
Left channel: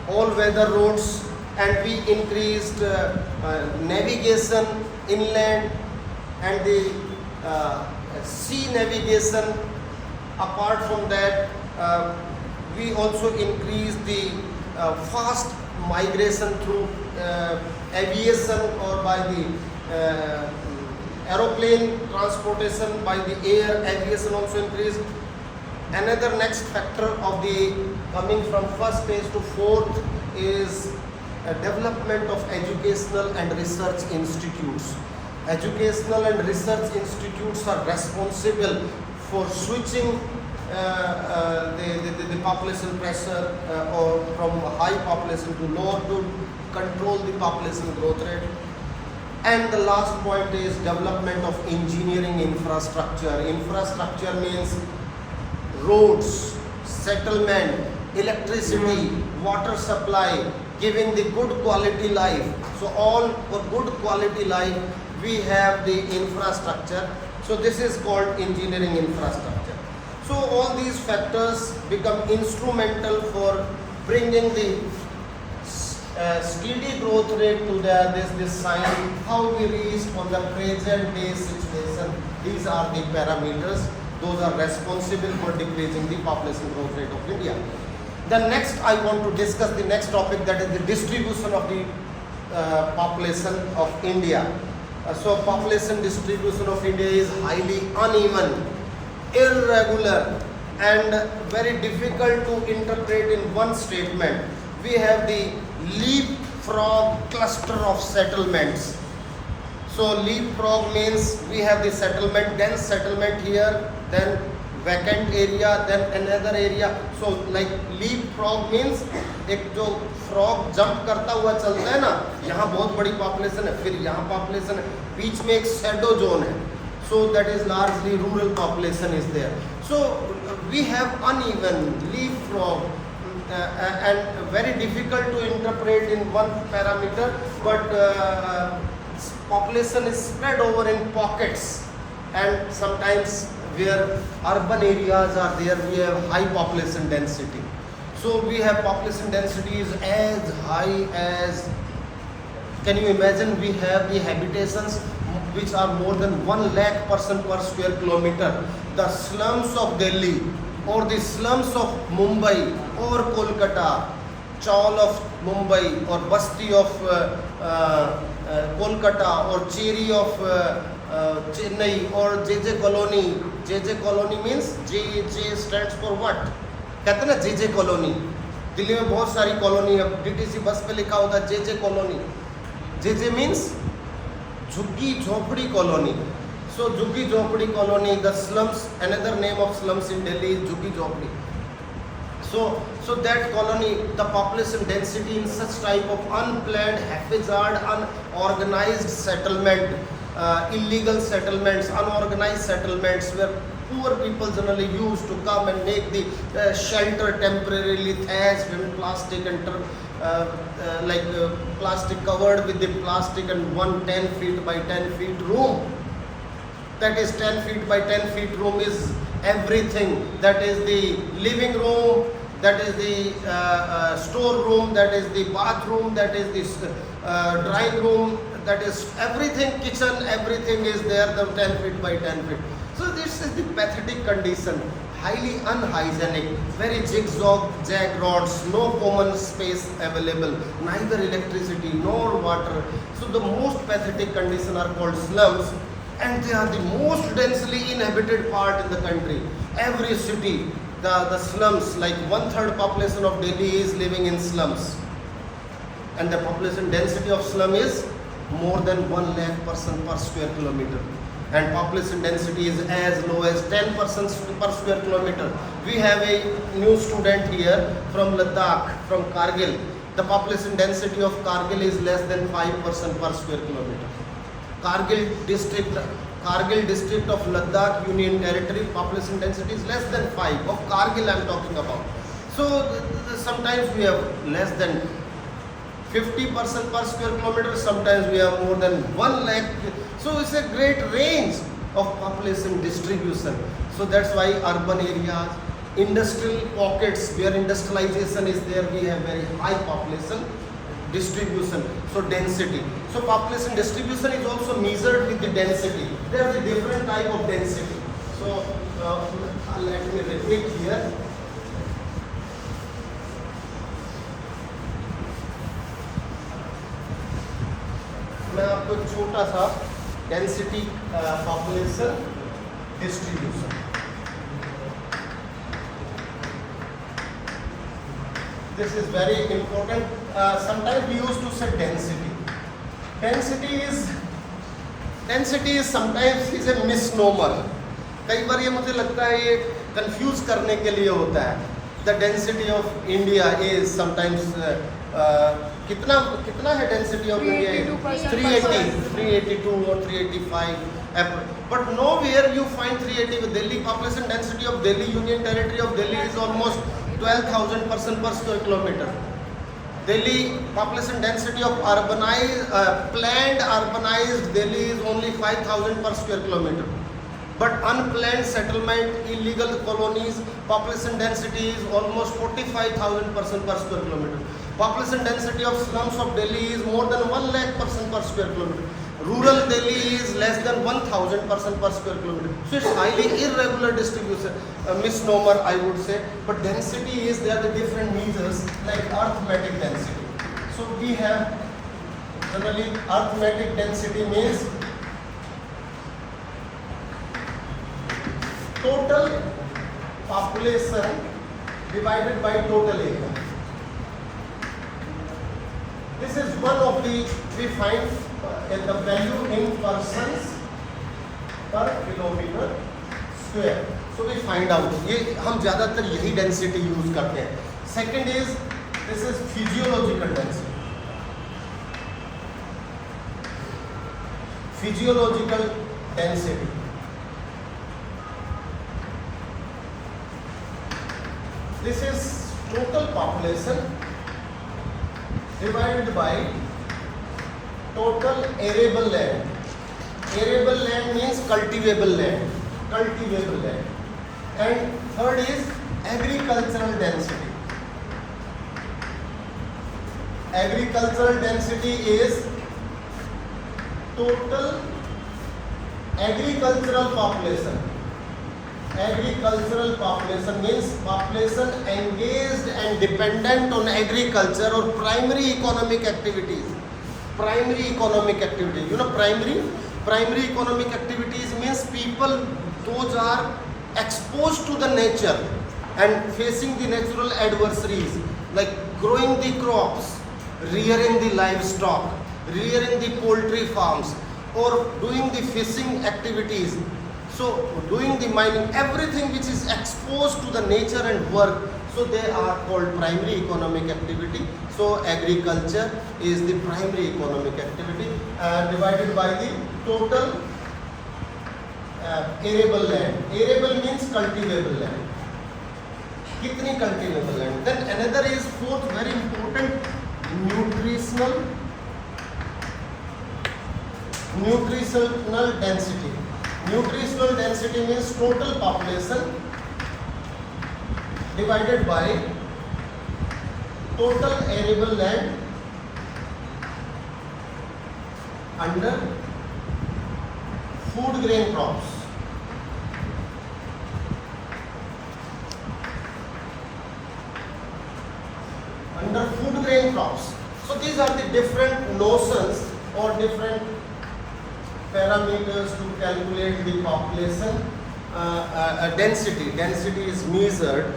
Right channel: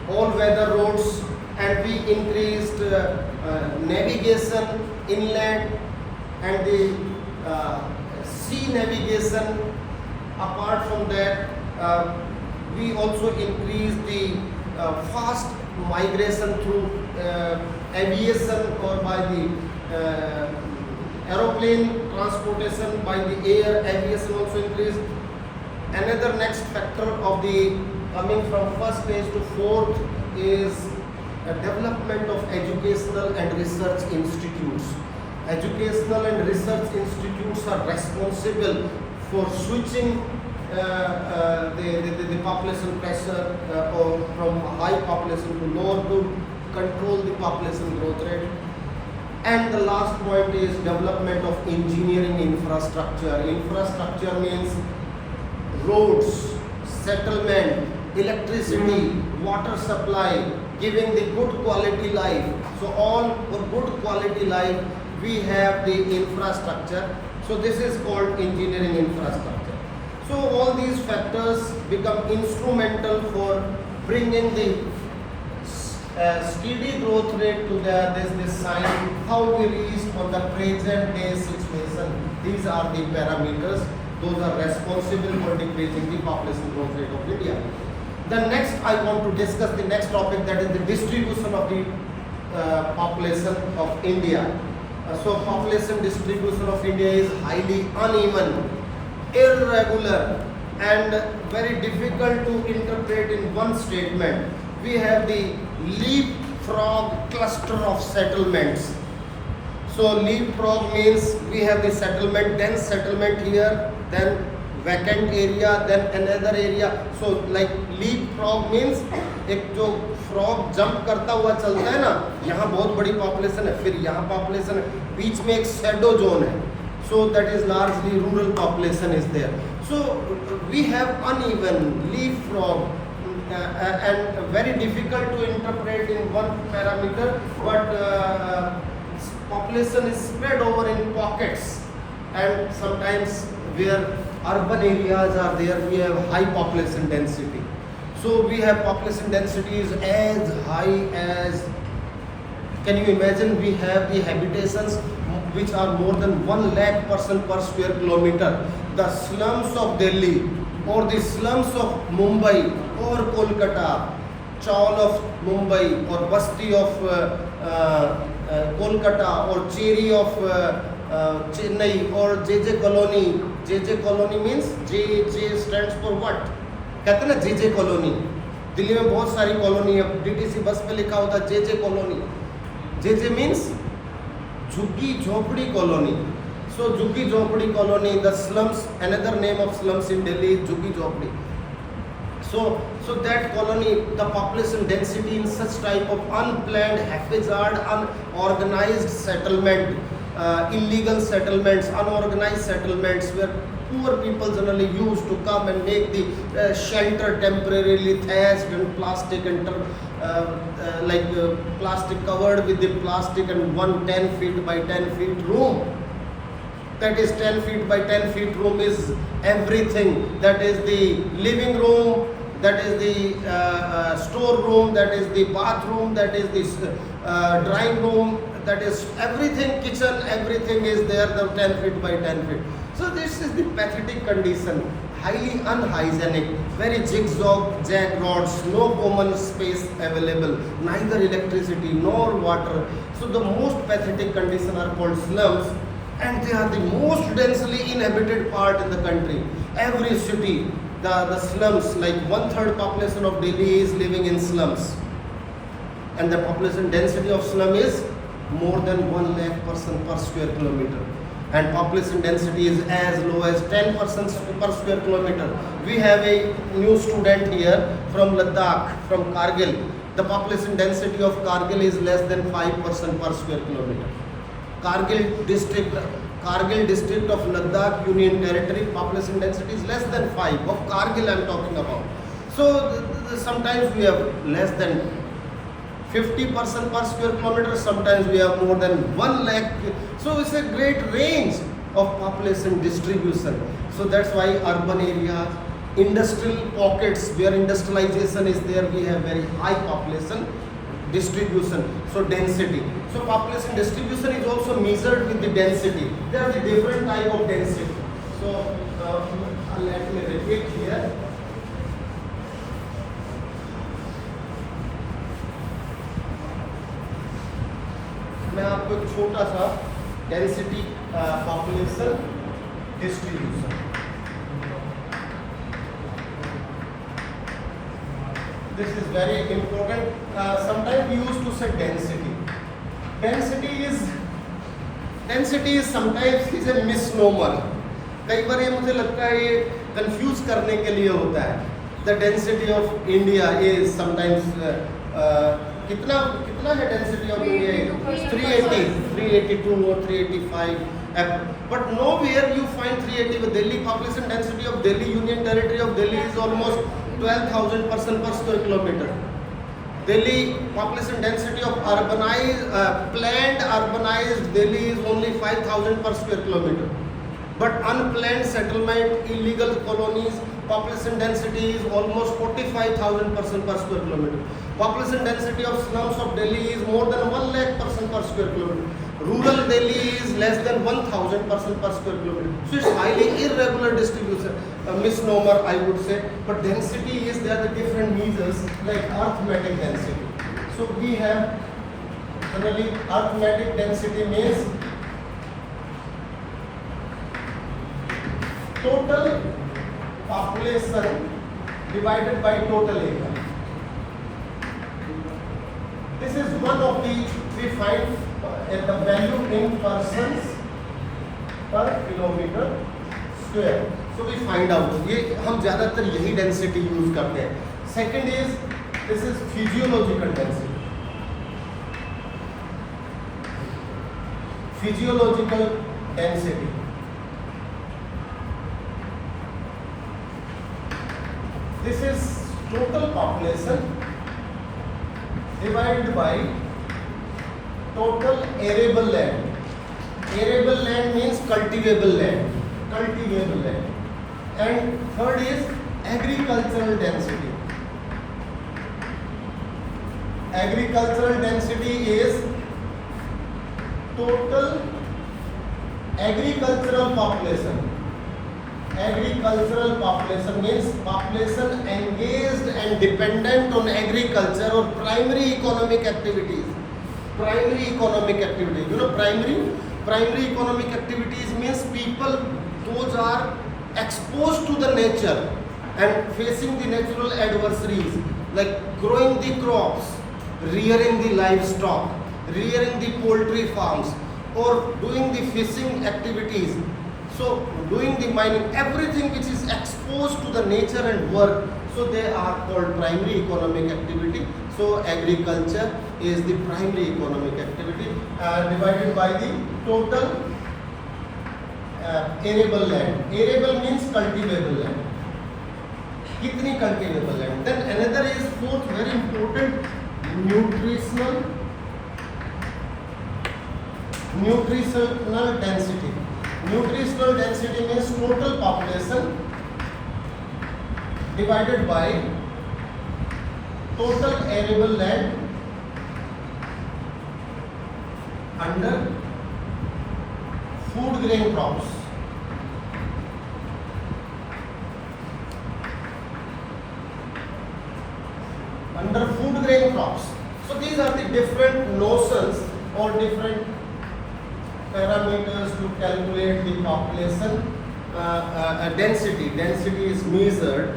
all weather roads, and we increased navigation inland and the sea navigation. Apart from that, we also increased the fast migration through aviation or by the aeroplane transportation, by the air aviation also increased. Another next factor of the coming from first stage to fourth is development of educational and research institutes. Educational and research institutes are responsible for switching the population pressure or from high population to lower to control the population growth rate. And the last point is development of engineering infrastructure. Infrastructure means roads, settlement, electricity, water supply, giving the good quality life. So all for good quality life we have the infrastructure. So this is called engineering infrastructure. So all these factors become instrumental for bringing the steady growth rate to this sign, how we reached on the present day situation. These are the parameters. Those are responsible for decreasing the population growth rate of India. Then next I want to discuss the next topic, that is the distribution of the population of India. So population distribution of India is highly uneven, irregular, and very difficult to interpret in one statement. We have the leapfrog cluster of settlements. So leapfrog means we have the settlement, then settlement here, then vacant area, then another area. So like leapfrog means एक जो frog jump करता हुआ चलता है ना, यहाँ बहुत बड़ी पॉपुलेशन है, फिर यहाँ पॉपुलेशन है, बीच में एक शैडो जोन है. So that is largely rural population is there. So we have uneven leapfrog and very difficult to interpret in one parameter, but population is spread over in pockets, and sometimes where urban areas are there, we have high population density. So we have population density is as high as, can you imagine, we have the habitations which are more than 1 lakh person per square kilometer. The slums of Delhi or the slums of Mumbai or Kolkata, Chawl of Mumbai or Basti of Kolkata or Cheri of Chennai or JJ Colony. JJ Colony means JJ stands for what? कहते हैं ना JJ colony. Delhi में बहुत सारी colony है, DTC bus पे लिखा होता है JJ कॉलोनी. JJ means झुग्गी झोपड़ी कॉलोनी. So झुग्गी झोपड़ी colony, the slums, another name of slums in Delhi is झुग्गी झोपड़ी. So that colony, the population density in such type of unplanned, haphazard, unorganized settlement, illegal settlements, unorganized settlements, where poor people generally used to come and make the shelter temporarily thatched and plastic and plastic covered with the plastic, and one 10 feet by 10 feet room. That is 10 feet by 10 feet room is everything. That is the living room, that is the store room, that is the bathroom, that is the drawing room, that is everything, kitchen, everything is there, the 10 feet by 10 feet. So this is the pathetic condition, highly unhygienic, very zigzag roads, no common space available, neither electricity nor water. So the most pathetic condition are called slums, and they are the most densely inhabited part in the country. Every city, the slums, like 1/3 population of Delhi is living in slums, and the population density of slum is more than 1 lakh person per square kilometer, and population density is as low as 10 persons per square kilometer. We have a new student here from Ladakh, from Kargil. The population density of Kargil is less than 5% per square kilometer. Kargil district of Ladakh Union Territory, population density is less than 5. Of Kargil I am talking about. So sometimes we have less than 50% per square kilometer, sometimes we have more than 1 lakh. So it's a great range of population distribution. So that's why urban areas, industrial pockets where industrialization is there, we have very high population distribution. So density. So population distribution is also measured with the density. There are the different type of density. So let me repeat here. मैं आपको एक छोटा सा density population distribution, this is very important. Sometimes we used to say density. Density is sometimes is a misnomer. कई बार ये मुझे लगता है ये कंफ्यूज करने के लिए होता है. The density of India is sometimes कितना है density of India? 382 or 385. But nowhere you find 380. Delhi population density of Delhi Union Territory of Delhi is almost 12,000 person per square kilometer. Delhi population density of planned urbanized Delhi is only 5,000 per square kilometer. But unplanned settlement, illegal colonies, population density is almost 45,000 person per square kilometer. Population density of slums of Delhi is more than 1 lakh person per square kilometer. Rural Delhi is less than 1,000 person per square kilometer. So it's highly irregular distribution, misnomer I would say. But density is, there are the different measures like arithmetic density. So we have generally arithmetic density means total population divided by total area. This is one of the, we find the value in persons per kilometer square. So we find out, ये हम ज़्यादातर यही density use करते हैं. Second is, this is physiological density. Physiological density. This is total population divided by total arable land. Arable land means cultivable land. Cultivable land. And third is agricultural density. Agricultural density is total agricultural population. Agricultural population means population engaged and dependent on agriculture or primary economic activities. Primary economic activities. You know, primary economic activities means people, those are exposed to the nature and facing the natural adversaries like growing the crops, rearing the livestock, rearing the poultry farms, or doing the fishing activities. So doing the mining, everything which is exposed to the nature and work. So they are called primary economic activity. So agriculture is the primary economic activity, divided by the total arable land. Arable means cultivable land. Kitni cultivable land? Then another is fourth very important, nutritional density. Nutritional density means total population divided by total arable land under food grain crops. Under food grain crops. So these are the different notions or different parameters to calculate the population density. Density is measured,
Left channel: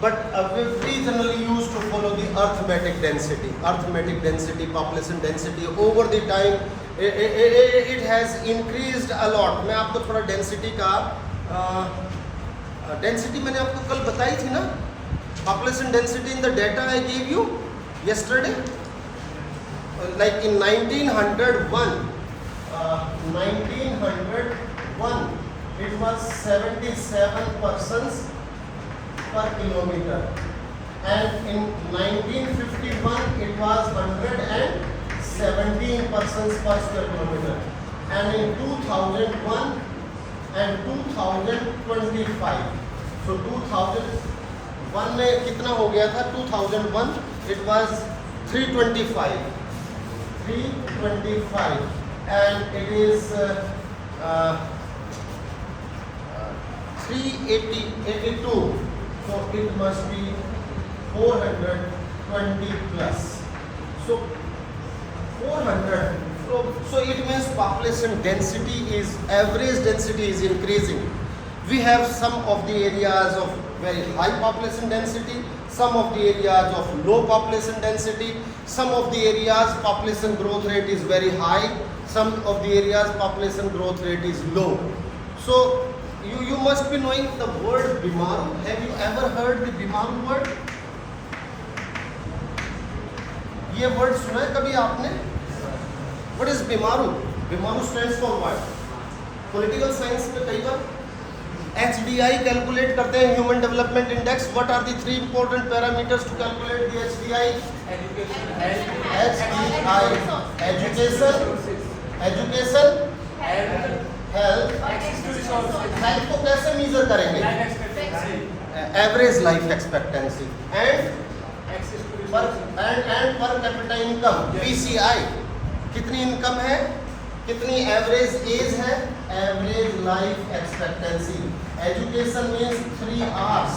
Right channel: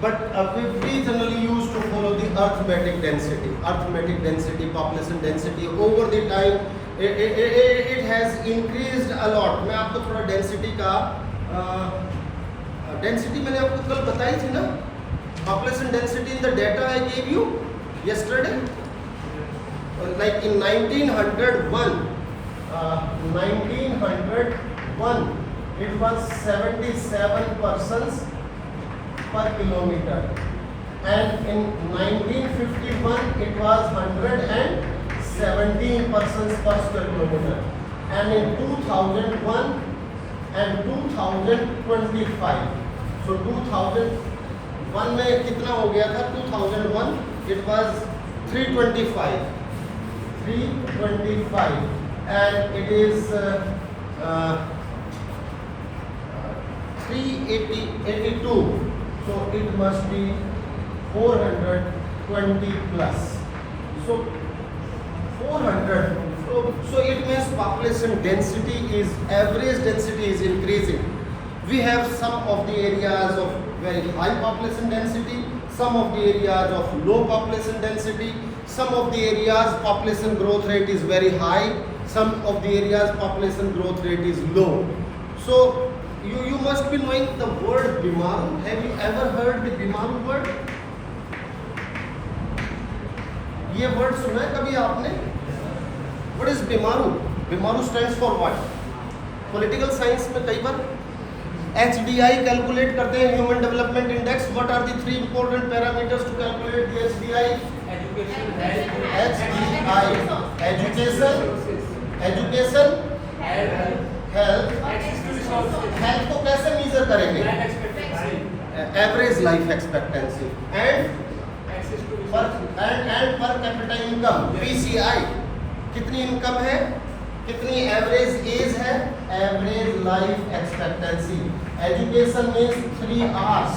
but we generally used to follow the arithmetic density. Arithmetic density, population density over the time it has increased a lot. मैं आपको थोड़ा density का density मैंने आपको कल बताई थी ना, population density in the data I gave you yesterday, like in 1901 it was 77 persons per kilometer, and in 1951 it was 117 persons per square kilometer, and in 2001 and 2025, so 2001 में कितना हो गया था? 2001 it was 325 and it is 382, so it must be 420 plus. So 400, so it means population density is, average density is increasing. We have some of the areas of very high population density, some of the areas of low population density, some of the areas population growth rate is very high, some of the areas population growth rate is low. So you must be knowing the word Bimaru. Have you ever heard the Bimaru word? ये word सुना है कभी आपने? What is Bimaru? Bimaru stands for what? Political science में कई बार HDI calculate करते हैं, Human Development Index. What are the three important parameters to calculate the HDI? HDI, education, health. Health को कैसे measure करेंगे? Average life expectancy and per capita income, PCI. कितनी income है, कितनी एवरेज एज है, average life expectancy. Education means 3 hours.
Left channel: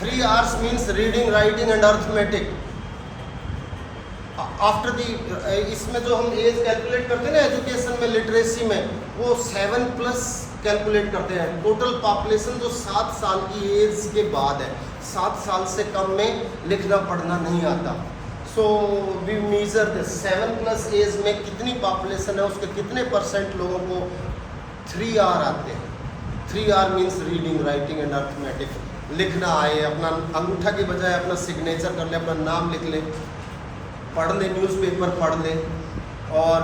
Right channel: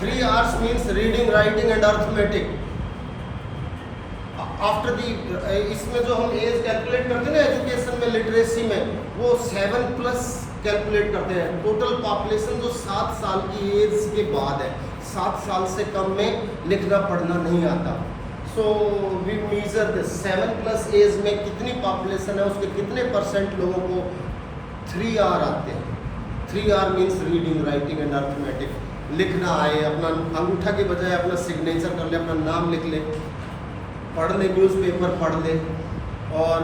3 hours means reading, writing and arithmetic. After the इसमें जो हम एज कैलकुलेट करते हैं ना एजुकेशन में, लिटरेसी में, वो 7+ कैलकुलेट करते हैं. टोटल पॉपुलेशन जो 7 साल की एज के बाद है, 7 साल से कम में लिखना पढ़ना नहीं आता. So we measure the 7+ age में कितनी पॉपुलेशन है, उसके कितने % लोगों को 3 hour आते हैं. 3 hour means reading, writing and arithmetic. लिखना आए, अपना अंगूठा के बजाय अपना सिग्नेचर कर ले, अपना नाम लिख ले, पढ़ ले, न्यूज़पेपर पढ़ ले, और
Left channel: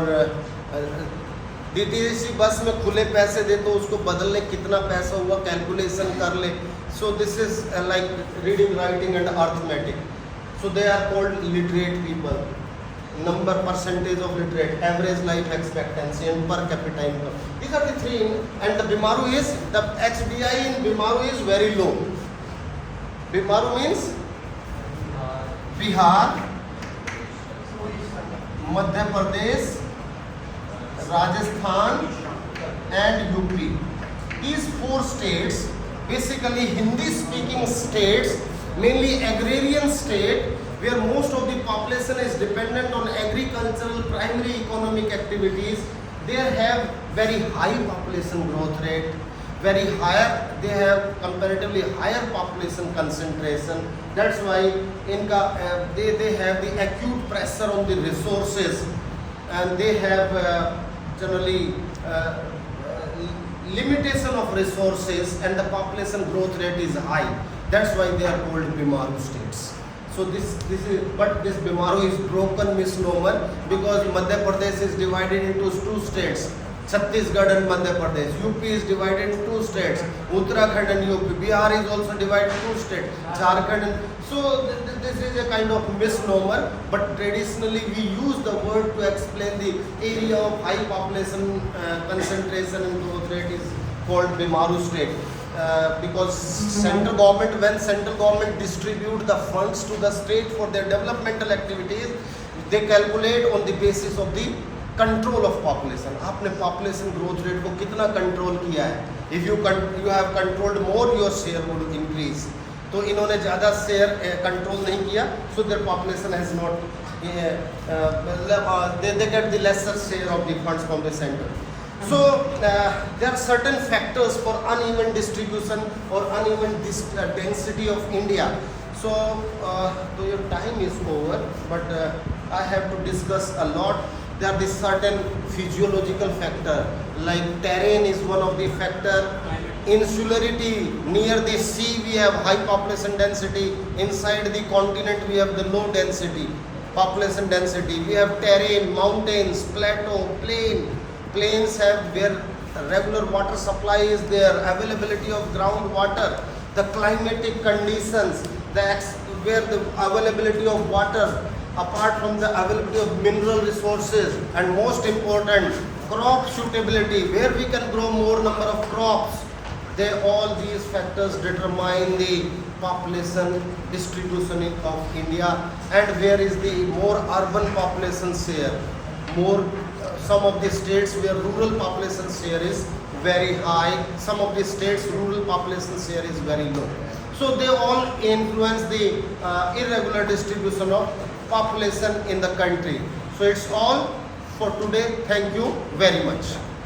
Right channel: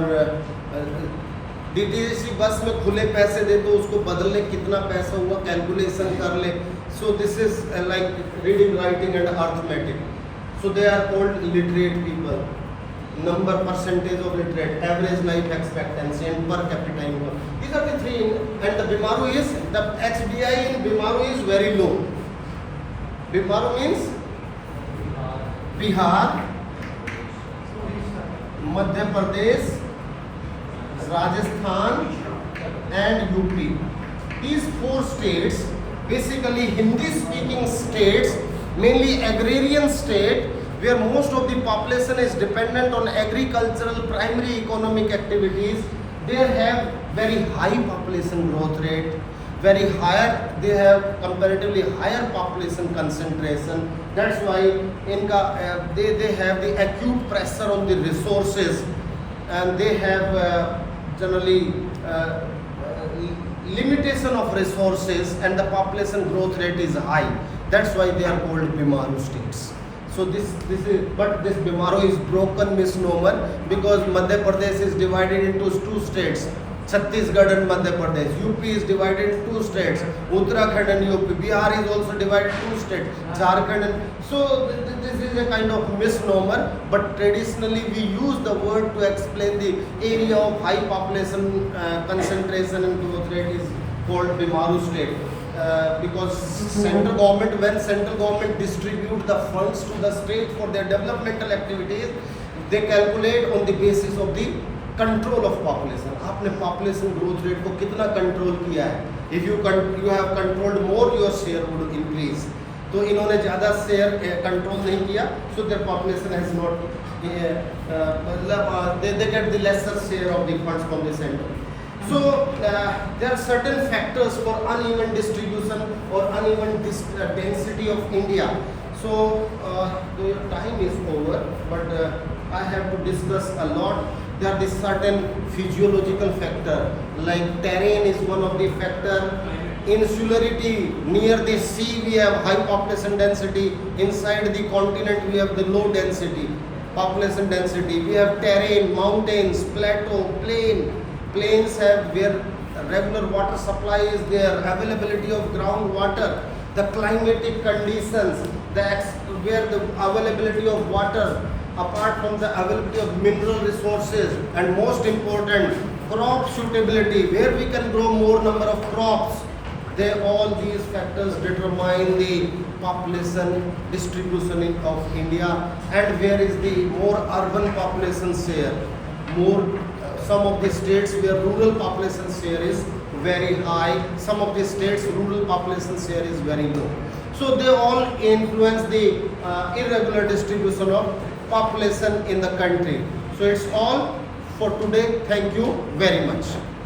DTC बस में खुले पैसे दे तो उसको बदल ले, कितना पैसा हुआ कैलकुलेशन कर ले. So this is like reading, writing and arithmetic. So they are called literate people. Number, percentage of literate, average life expectancy and per capita income. These are the three. And the Bimaru is, the HDI in Bimaru is very low. Bimaru means Bihar, Madhya Pradesh, Rajasthan and UP. These 4 states, basically Hindi speaking states, mainly agrarian state, where most of the population is dependent on agricultural primary economic activities. They have very high population growth rate, very higher, they have comparatively higher population concentration. That's why इनका they have the acute pressure on the resources, and they have generally limitation of resources, and the population growth rate is high. That's why they are called Bimaru states. So this Bimaru is broken misnomer because Madhya Pradesh is divided into two states. Chhattisgarh and Madhya Pradesh. UP is divided in two states. Uttarakhand and UP. Bihar is also divided in two states. Jharkhand and so this is a kind of misnomer. But traditionally we use the word to explain the area of high population concentration and growth rate is called Bimaru state. Because when central government distribute the funds to the state for their developmental activities, they calculate on the basis of the control of population. आपने population growth rate को कितना control किया है. If you have controlled more your share would increase. तो इन्होंने ज़्यादा share control नहीं किया, so their population has not they get the lesser share of the funds from the center. So there are certain factors for uneven distribution or uneven density of India. So your time is over, but I have to discuss a lot. There are certain physiological factor like terrain is one of the factor. Insularity, near the sea we have high population density, inside the continent we have the low density population density. We have terrain, mountains, plateau, plains have where regular water supply is there, availability of groundwater, the climatic conditions, where the availability of water, apart from the availability of mineral resources, and most important, crop suitability, where we can grow more number of crops. All these factors determine the population distribution of India, and where is the more urban population share. Some of the states where rural population share is very high, some of the states rural population share is very low. So they all influence the irregular distribution of population in the country. So it's all for today. Thank you very much.